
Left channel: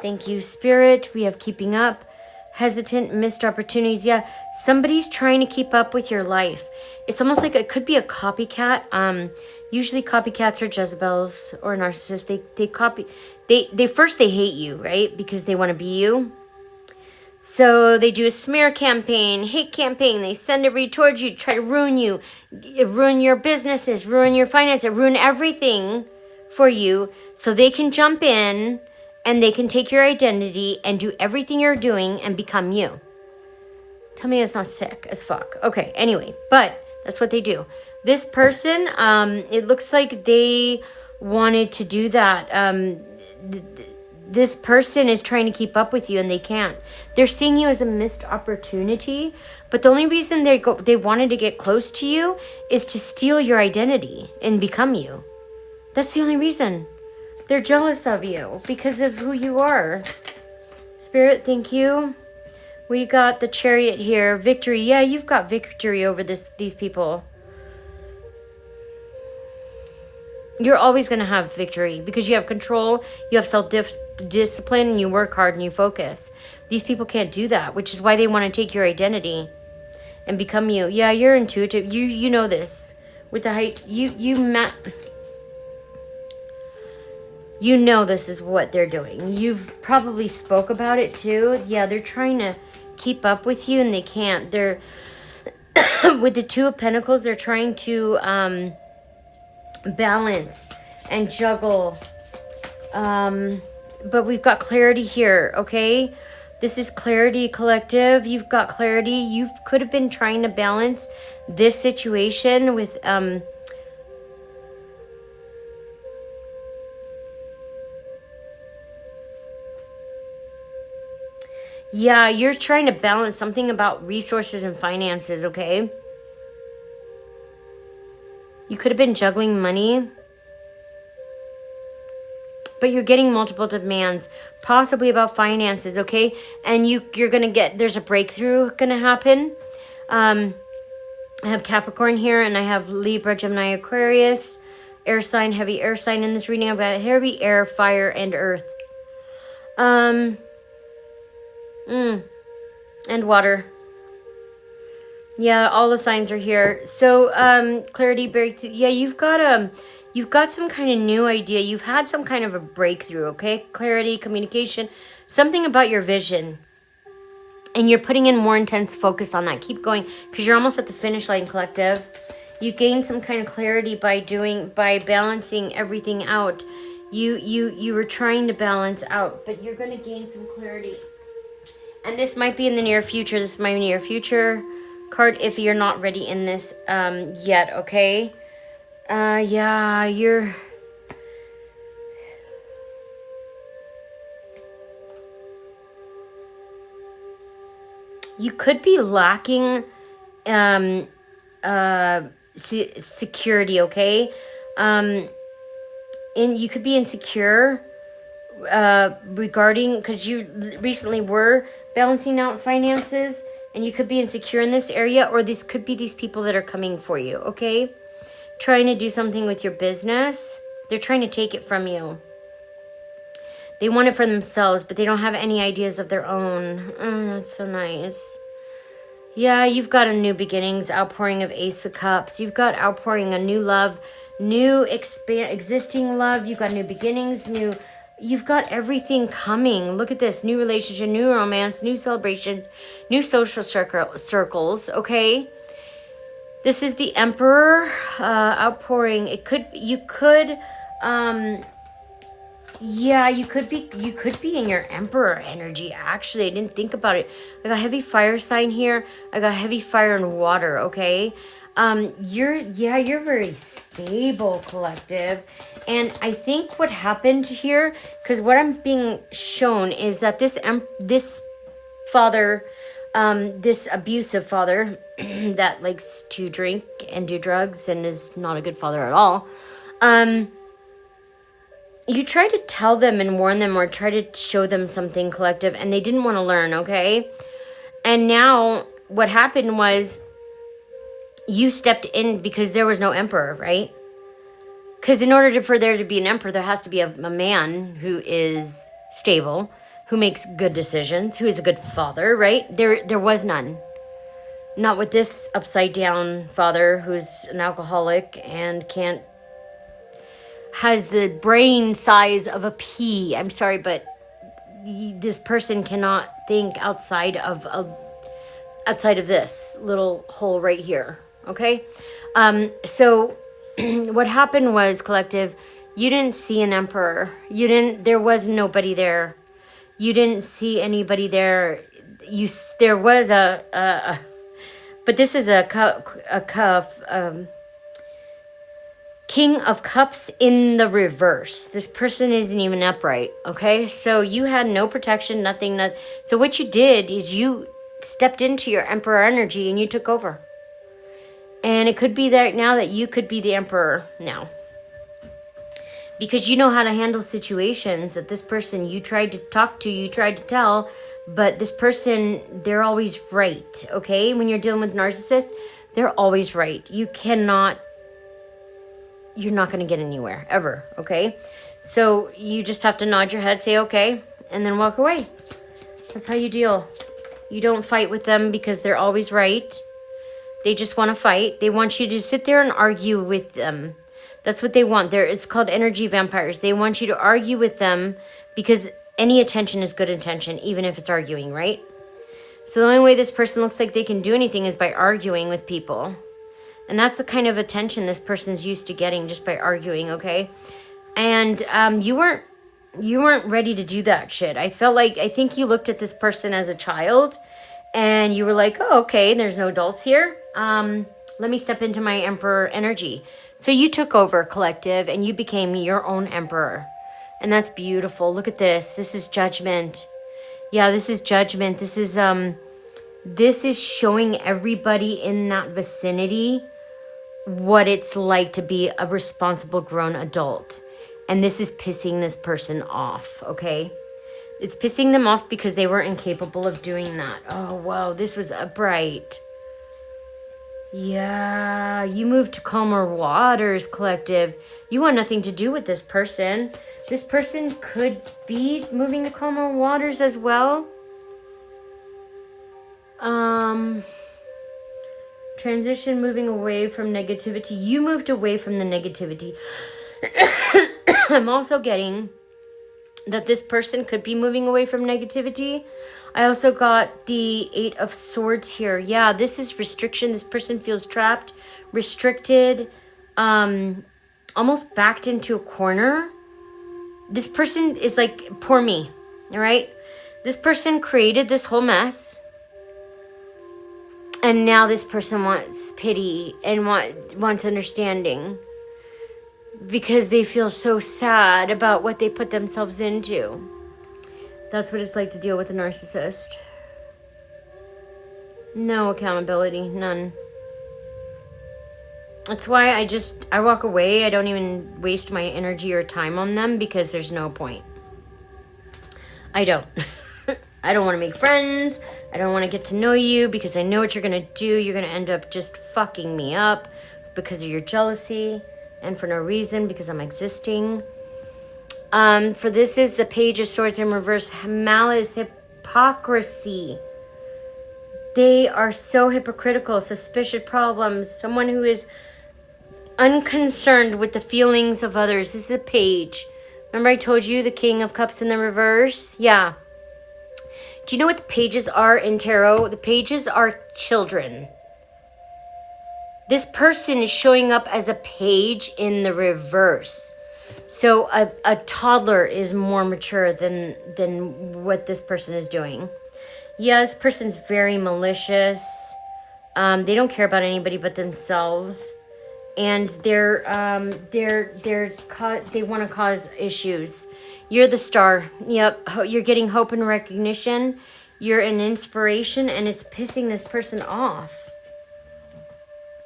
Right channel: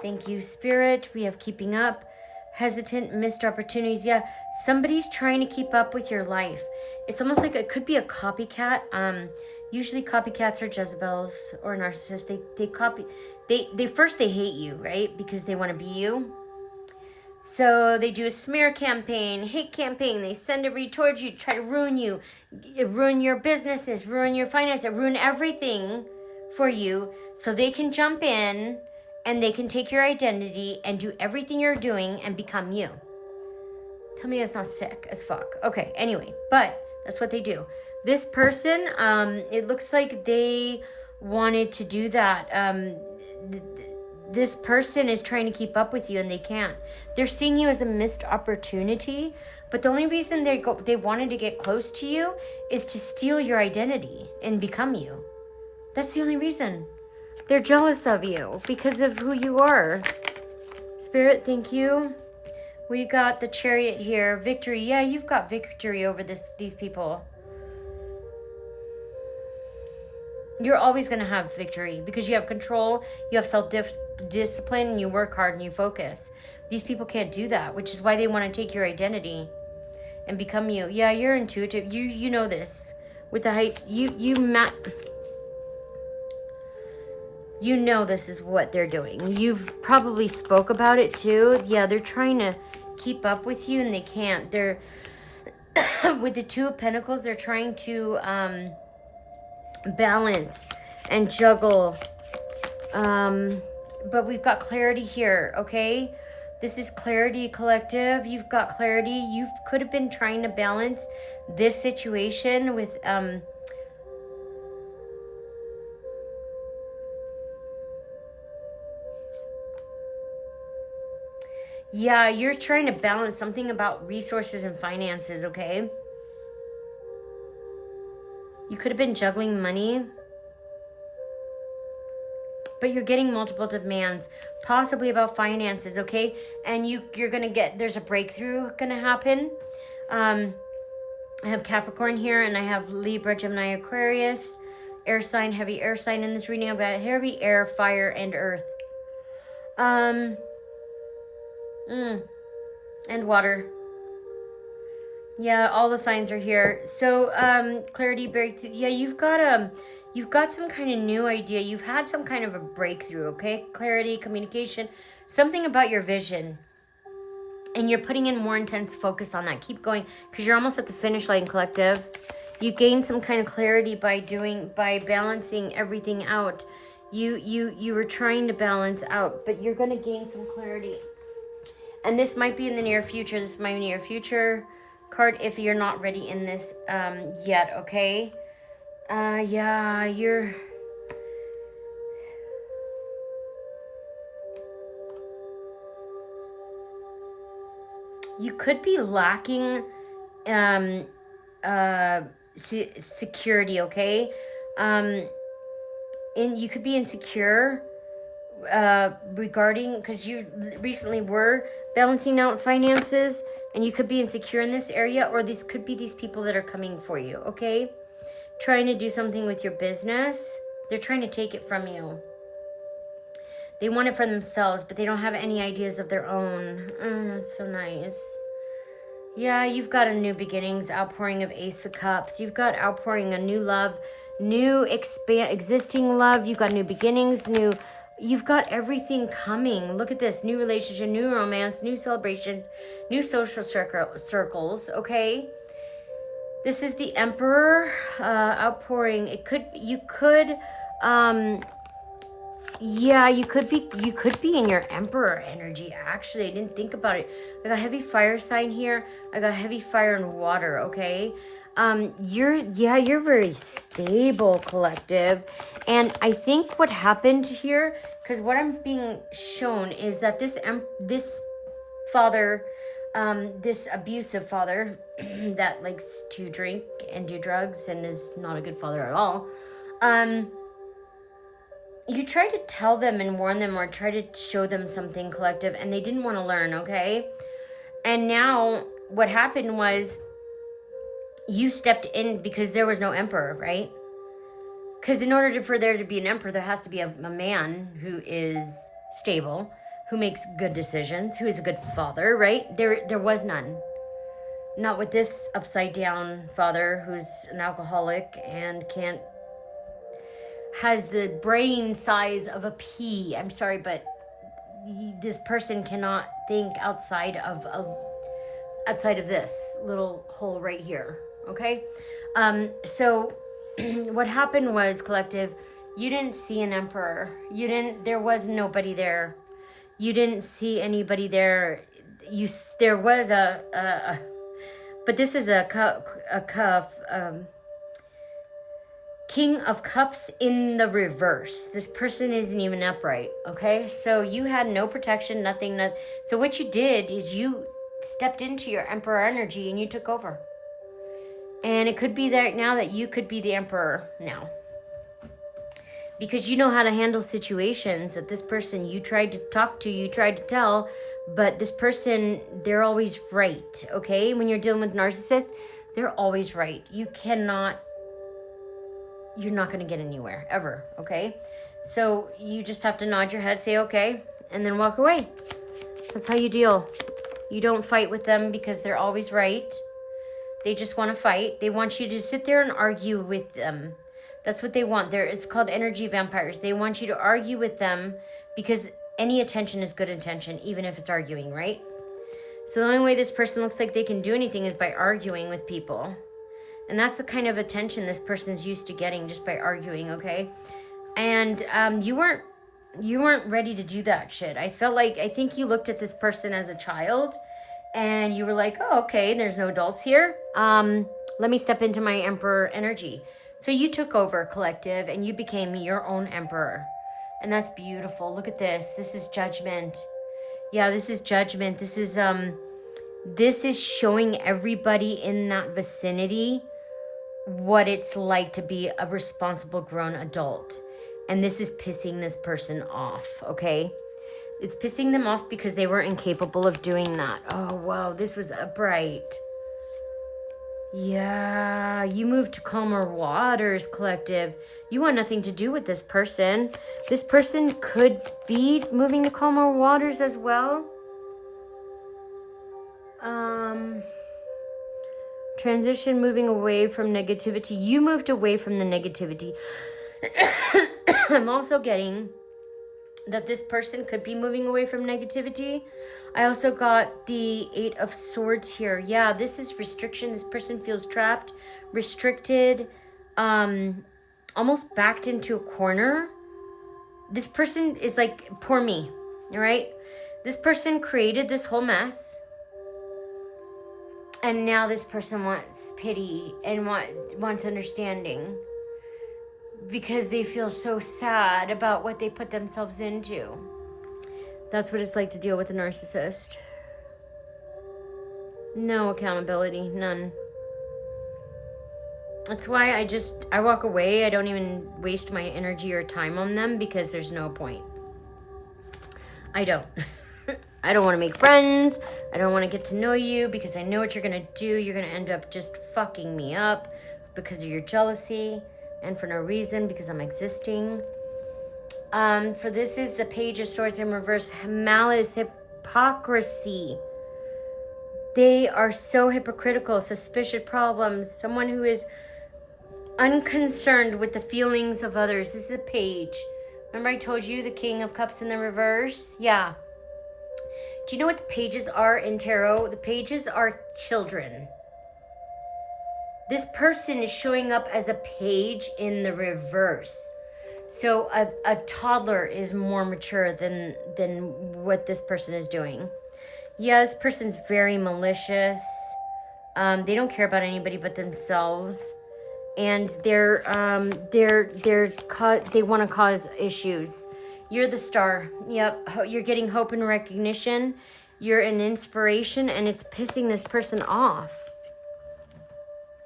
Thank you, Spirit. We have keeping up. Hesitant, missed opportunities. Yeah, somebody's trying to keep up with your life. It's almost like it could be a copycat. Usually copycats are Jezebels or narcissists. They first hate you, right? Because they want to be you. So they do a smear campaign, hate campaign. They send everybody towards you, try to ruin you, ruin your businesses, ruin your finances, ruin everything for you, so they can jump in and they can take your identity and do everything you're doing and become you. Tell me it's not sick as fuck. Okay, anyway, but that's what they do. This person, it looks like they wanted to do that. This person is trying to keep up with you and they can't. They're seeing you as a missed opportunity, but the only reason they wanted to get close to you is to steal your identity and become you. That's the only reason. They're jealous of you because of who you are. Spirit, thank you. We got the Chariot here. Victory. Yeah, you've got victory over these people. You're always going to have victory because you have control, you have self-discipline, and you work hard and you focus. These people can't do that, which is why they want to take your identity and become you. Yeah, you're intuitive. You know this. With the height, you know this is what they're doing. You've probably spoke about it too. Yeah, they're trying to keep up with you and they can't. They're with the Two of Pentacles, they're trying to balance and juggle, but we've got clarity here. Okay, this is clarity, collective. You've got clarity. You could have been trying to balance this situation with Yeah, you're trying to balance something about resources and finances, okay? You could have been juggling money, but you're getting multiple demands, possibly about finances, okay? And you're going to get, there's a breakthrough going to happen. I have Capricorn here, and I have Libra, Gemini, Aquarius, air sign, heavy air sign in this reading. I've got heavy air, fire, and earth. And water. Yeah, all the signs are here. So, clarity, breakthrough. Yeah, you've got some kind of new idea. You've had some kind of a breakthrough, okay? Clarity, communication, something about your vision. And you're putting in more intense focus on that. Keep going, because you're almost at the finish line, collective. You gain some kind of clarity by balancing everything out. You were trying to balance out, but you're going to gain some clarity. And this might be in the near future. This is my near future card if you're not ready in this yet, okay? Yeah, you could be lacking security, okay? And you could be insecure regarding, because you recently were balancing out finances, and you could be insecure in this area, or this could be these people that are coming for you, okay? Trying to do something with your business. They're trying to take it from you. They want it for themselves, but they don't have any ideas of their own. Oh, that's so nice. Yeah, you've got a new beginnings, outpouring of Ace of Cups. You've got outpouring a new love, new existing love. You've got new beginnings, you've got everything coming. Look at this, new relationship, new romance, new celebrations, new social circles, okay? This is the Emperor outpouring. You could be in your Emperor energy. Actually, I didn't think about it. I got heavy fire sign here. I got heavy fire and water, okay? You're very stable, collective. And I think what happened here, because what I'm being shown is that this father, this abusive father that likes to drink and do drugs and is not a good father at all, you try to tell them and warn them or try to show them something, collective, and they didn't want to learn, okay? And now what happened was you stepped in because there was no emperor, right? Because in order for there to be an emperor, there has to be a man who is stable, who makes good decisions, who is a good father, right? There was none. Not with this upside down father who's an alcoholic and has the brain size of a pea. I'm sorry, but this person cannot think outside of this little hole right here, okay? So what happened was, collective, you didn't see an emperor. There was nobody there. You didn't see anybody there. There was but this is a King of Cups in the reverse. This person isn't even upright, okay? So you had no protection, nothing. So what you did is you stepped into your Emperor energy and you took over. And it could be that now that you could be the Emperor now. Because you know how to handle situations that this person you tried to talk to, you tried to tell, but this person, they're always right, okay? When you're dealing with narcissists, they're always right. You're not going to get anywhere, ever, okay? So you just have to nod your head, say okay, and then walk away. That's how you deal. You don't fight with them because they're always right. They just want to fight. They want you to sit there and argue with them. That's what they want. It's called energy vampires. They want you to argue with them because any attention is good attention, even if it's arguing, right? So the only way this person looks like they can do anything is by arguing with people. And that's the kind of attention this person's used to getting just by arguing, okay? And you weren't ready to do that shit. I think you looked at this person as a child and you were like, oh, okay, there's no adults here. Let me step into my Emperor energy. So you took over, collective, and you became your own Emperor. And that's beautiful. Look at this. This is judgment. Yeah, this is judgment. This is showing everybody in that vicinity what it's like to be a responsible grown adult. And this is pissing this person off, okay? It's pissing them off because they were incapable of doing that. Oh, wow, this was upright. Yeah, you moved to calmer waters, collective. You want nothing to do with this person. This person could be moving to calmer waters as well. Transition, moving away from negativity. You moved away from the negativity. I'm also getting that this person could be moving away from negativity. I also got the 8 of Swords here. Yeah, this is restriction. This person feels trapped, restricted, almost backed into a corner. This person is like, poor me, all right? This person created this whole mess. And now this person wants pity and wants understanding because they feel so sad about what they put themselves into. That's what it's like to deal with a narcissist. No accountability, none. That's why I walk away. I don't even waste my energy or time on them because there's no point. I don't. I don't want to make friends. I don't want to get to know you because I know what you're going to do. You're going to end up just fucking me up because of your jealousy and for no reason because I'm existing. For this is the Page of Swords in reverse. Malice, hypocrisy. They are so hypocritical, suspicious problems. Someone who is unconcerned with the feelings of others. This is a page. Remember I told you the King of Cups in the reverse? Yeah. Do you know what the pages are in tarot? The pages are children. This person is showing up as a page in the reverse. So a toddler is more mature than what this person is doing. Yeah, this person's very malicious. They don't care about anybody but themselves. And they want to cause issues. You're the star. Yep. You're getting hope and recognition. You're an inspiration and it's pissing this person off.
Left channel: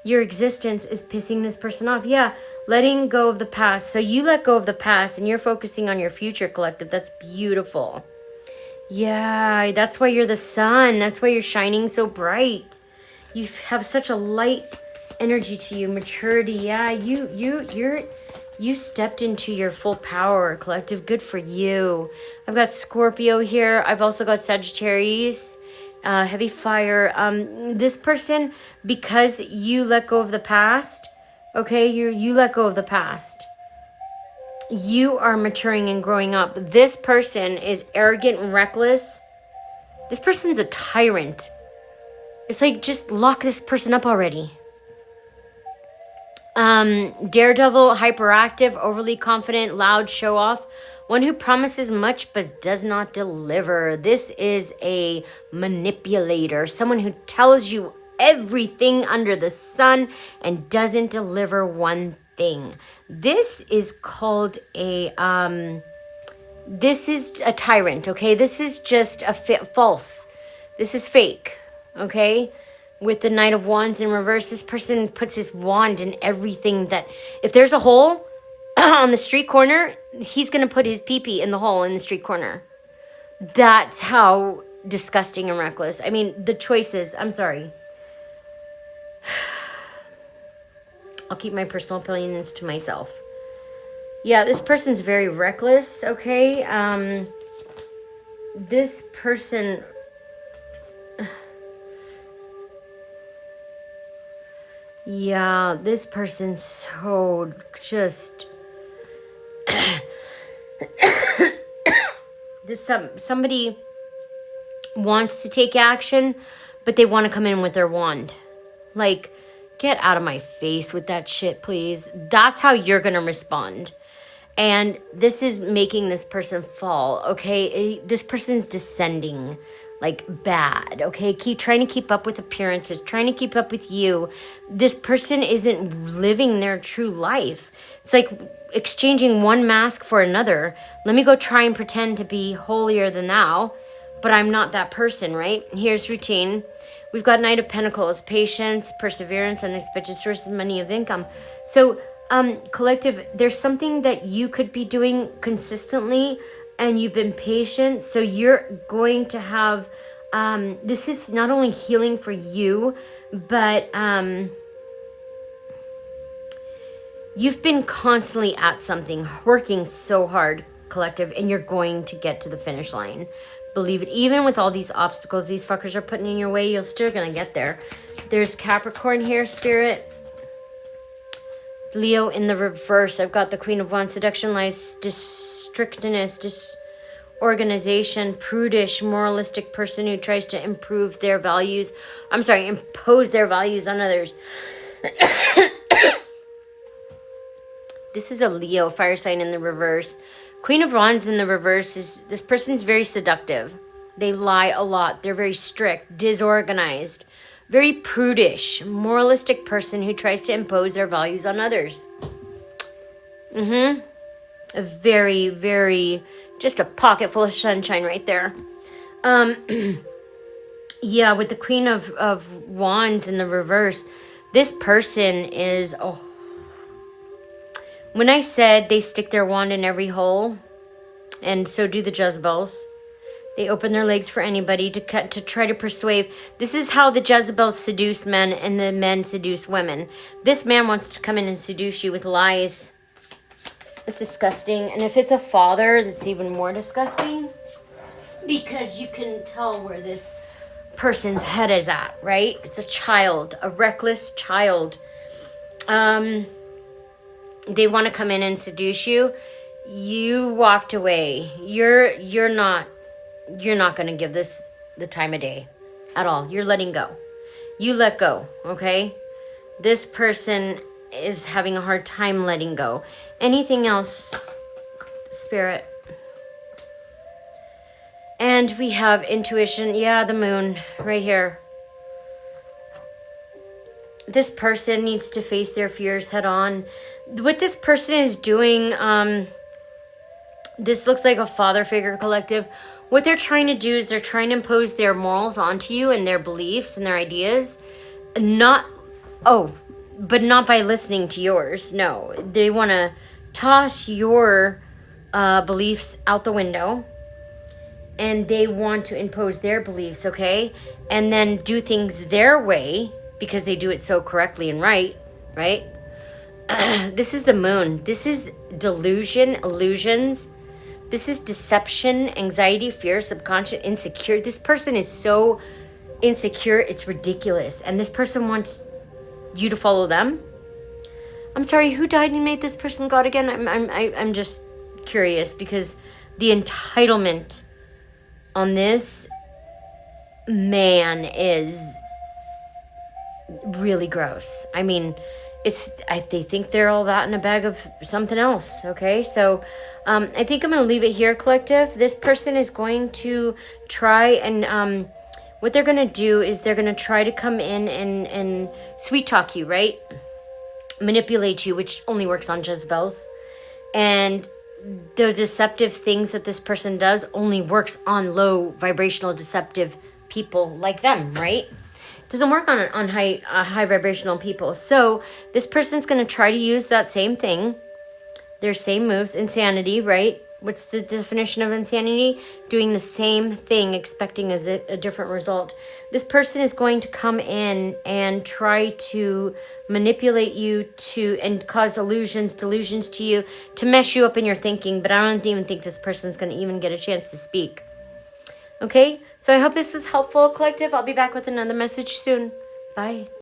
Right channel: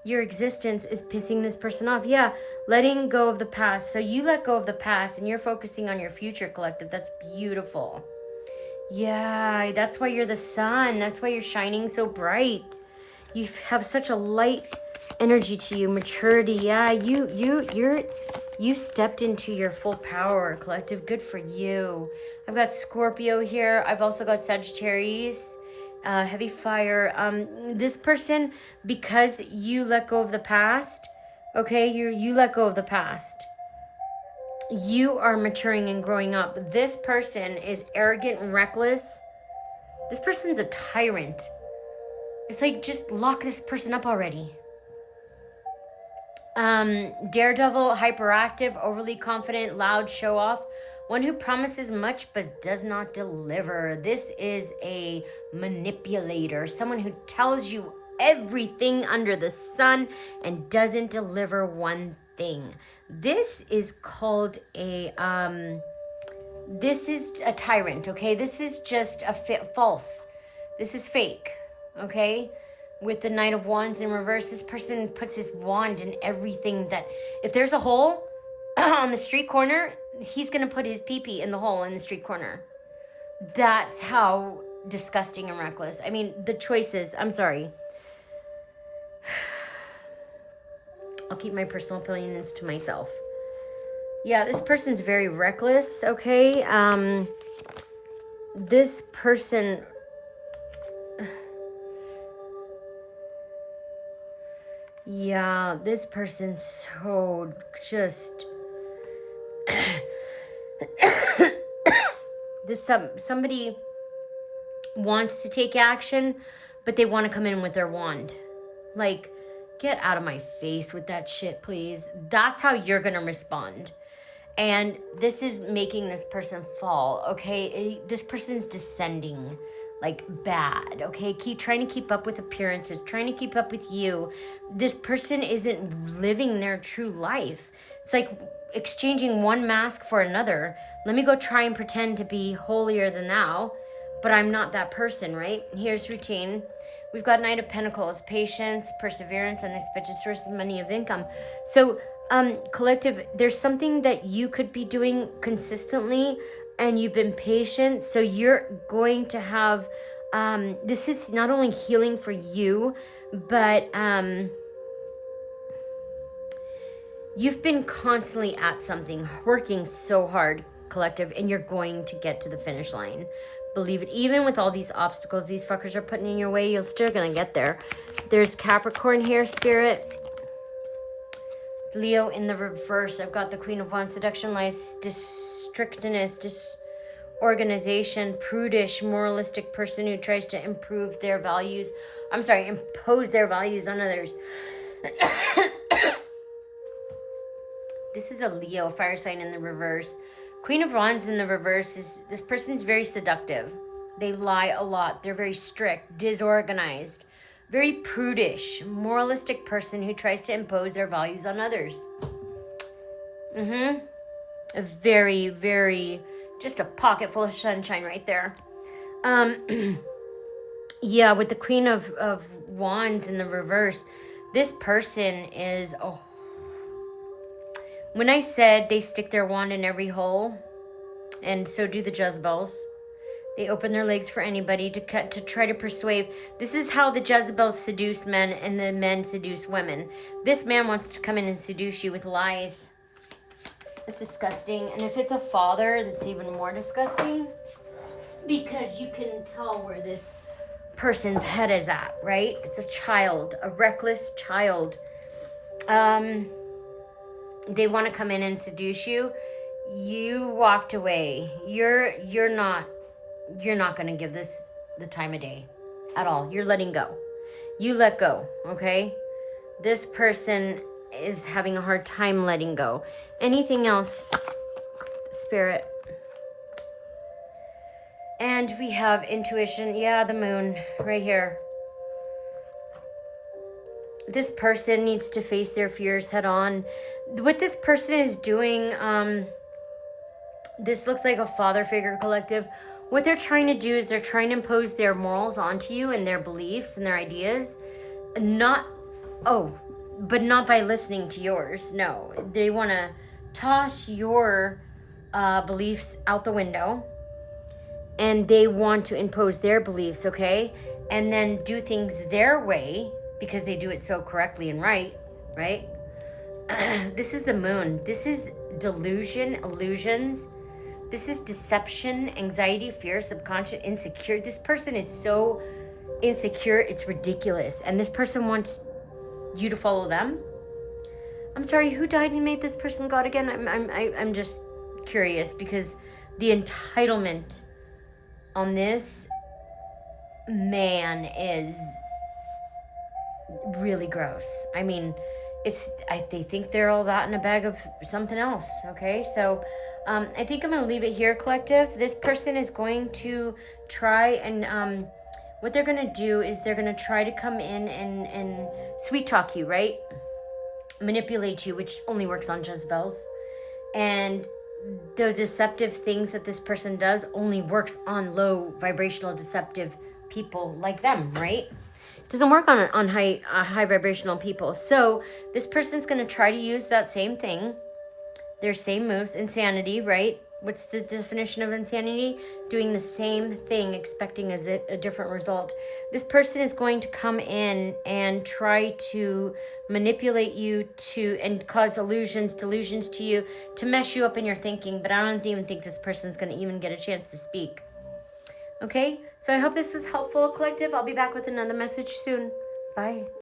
Your existence is pissing this person off. Yeah. Letting go of the past. So you let go of the past and you're focusing on your future, collective. That's beautiful. Yeah. That's why you're the sun. That's why you're shining so bright. You have such a light energy to you. Maturity. Yeah. You stepped into your full power, collective. Good for you. I've got Scorpio here. I've also got Sagittarius, heavy fire. This person, because you let go of the past, okay, you let go of the past. You are maturing and growing up. This person is arrogant and reckless. This person's a tyrant. It's like, just lock this person up already. Daredevil, hyperactive, overly confident, loud, show off. One who promises much but does not deliver. This is a manipulator. Someone who tells you everything under the sun and doesn't deliver one thing. This is called this is a tyrant, okay? This is just a false. This is fake, okay? With the Knight of Wands in reverse, this person puts his wand in everything that... If there's a hole on the street corner, he's going to put his pee-pee in the hole in the street corner. That's how disgusting and reckless. I mean, the choices... I'm sorry. I'll keep my personal opinions to myself. Yeah, this person's very reckless, okay? This person... Yeah, this person's so just... somebody wants to take action, but they want to come in with their wand. Like, get out of my face with that shit, please. That's how you're going to respond. And this is making this person fall, okay? This person's descending like bad, okay? Trying to keep up with appearances, trying to keep up with you. This person isn't living their true life. It's like exchanging one mask for another. Let me go try and pretend to be holier than thou. but I'm not that person, right? Here's routine. We've got Knight of Pentacles, patience, perseverance, unexpected sources of money of income. So, collective, there's something that you could be doing consistently and you've been patient. So you're going to have, this is not only healing for you, but you've been constantly at something, working so hard, collective, and you're going to get to the finish line. Believe it. Even with all these obstacles these fuckers are putting in your way, you're still going to get there. There's Capricorn here, Spirit. Leo in the reverse. I've got the Queen of Wands. Seduction, lies, strictness, disorganization, prudish, moralistic person who tries to impose their values on others. This is a Leo, fire sign in the reverse. Queen of Wands in the reverse is, this person's very seductive. They lie a lot. They're very strict, disorganized, very prudish, moralistic person who tries to impose their values on others. A very, very, just a pocket full of sunshine right there. Yeah, with the Queen of Wands in the reverse, this person is a... When I said they stick their wand in every hole, and so do the Jezebels, they open their legs for anybody to try to persuade. This is how the Jezebels seduce men and the men seduce women. This man wants to come in and seduce you with lies. It's disgusting. And if it's a father, that's even more disgusting. Because you can tell where this person's head is at, right? It's a child, a reckless child. They want to come in and seduce you. You walked away. You're not going to give this the time of day at all. You're letting go. You let go, okay? This person is having a hard time letting go. Anything else, Spirit? And we have intuition. Yeah, the moon right here. This person needs to face their fears head on. What this person is doing, this looks like a father figure, collective. What they're trying to do is they're trying to impose their morals onto you and their beliefs and their ideas. But not by listening to yours. No, they want to toss your beliefs out the window. And they want to impose their beliefs, okay? And then do things their way because they do it so correctly and right? This is the moon. This is delusion, illusions. This is deception, anxiety, fear, subconscious, insecure. This person is so insecure, it's ridiculous. And this person wants you to follow them. I'm sorry, who died and made this person God again? I'm just curious because the entitlement on this man is really gross. I mean, they think they're all that in a bag of something else, okay? So I think I'm going to leave it here, collective. This person is going to try and what they're going to do is they're going to try to come in and sweet talk you, right? Manipulate you, which only works on Jezebels. And the deceptive things that this person does only works on low vibrational deceptive people like them, right? Doesn't work on high vibrational people. So this person's going to try to use that same thing, their same moves. Insanity, right? What's the definition of insanity? Doing the same thing, expecting a different result. This person is going to come in and try to manipulate you and cause delusions to you, to mess you up in your thinking. But I don't even think this person's going to even get a chance to speak. Okay, so I hope this was helpful, collective. I'll be back with another message soon. Bye.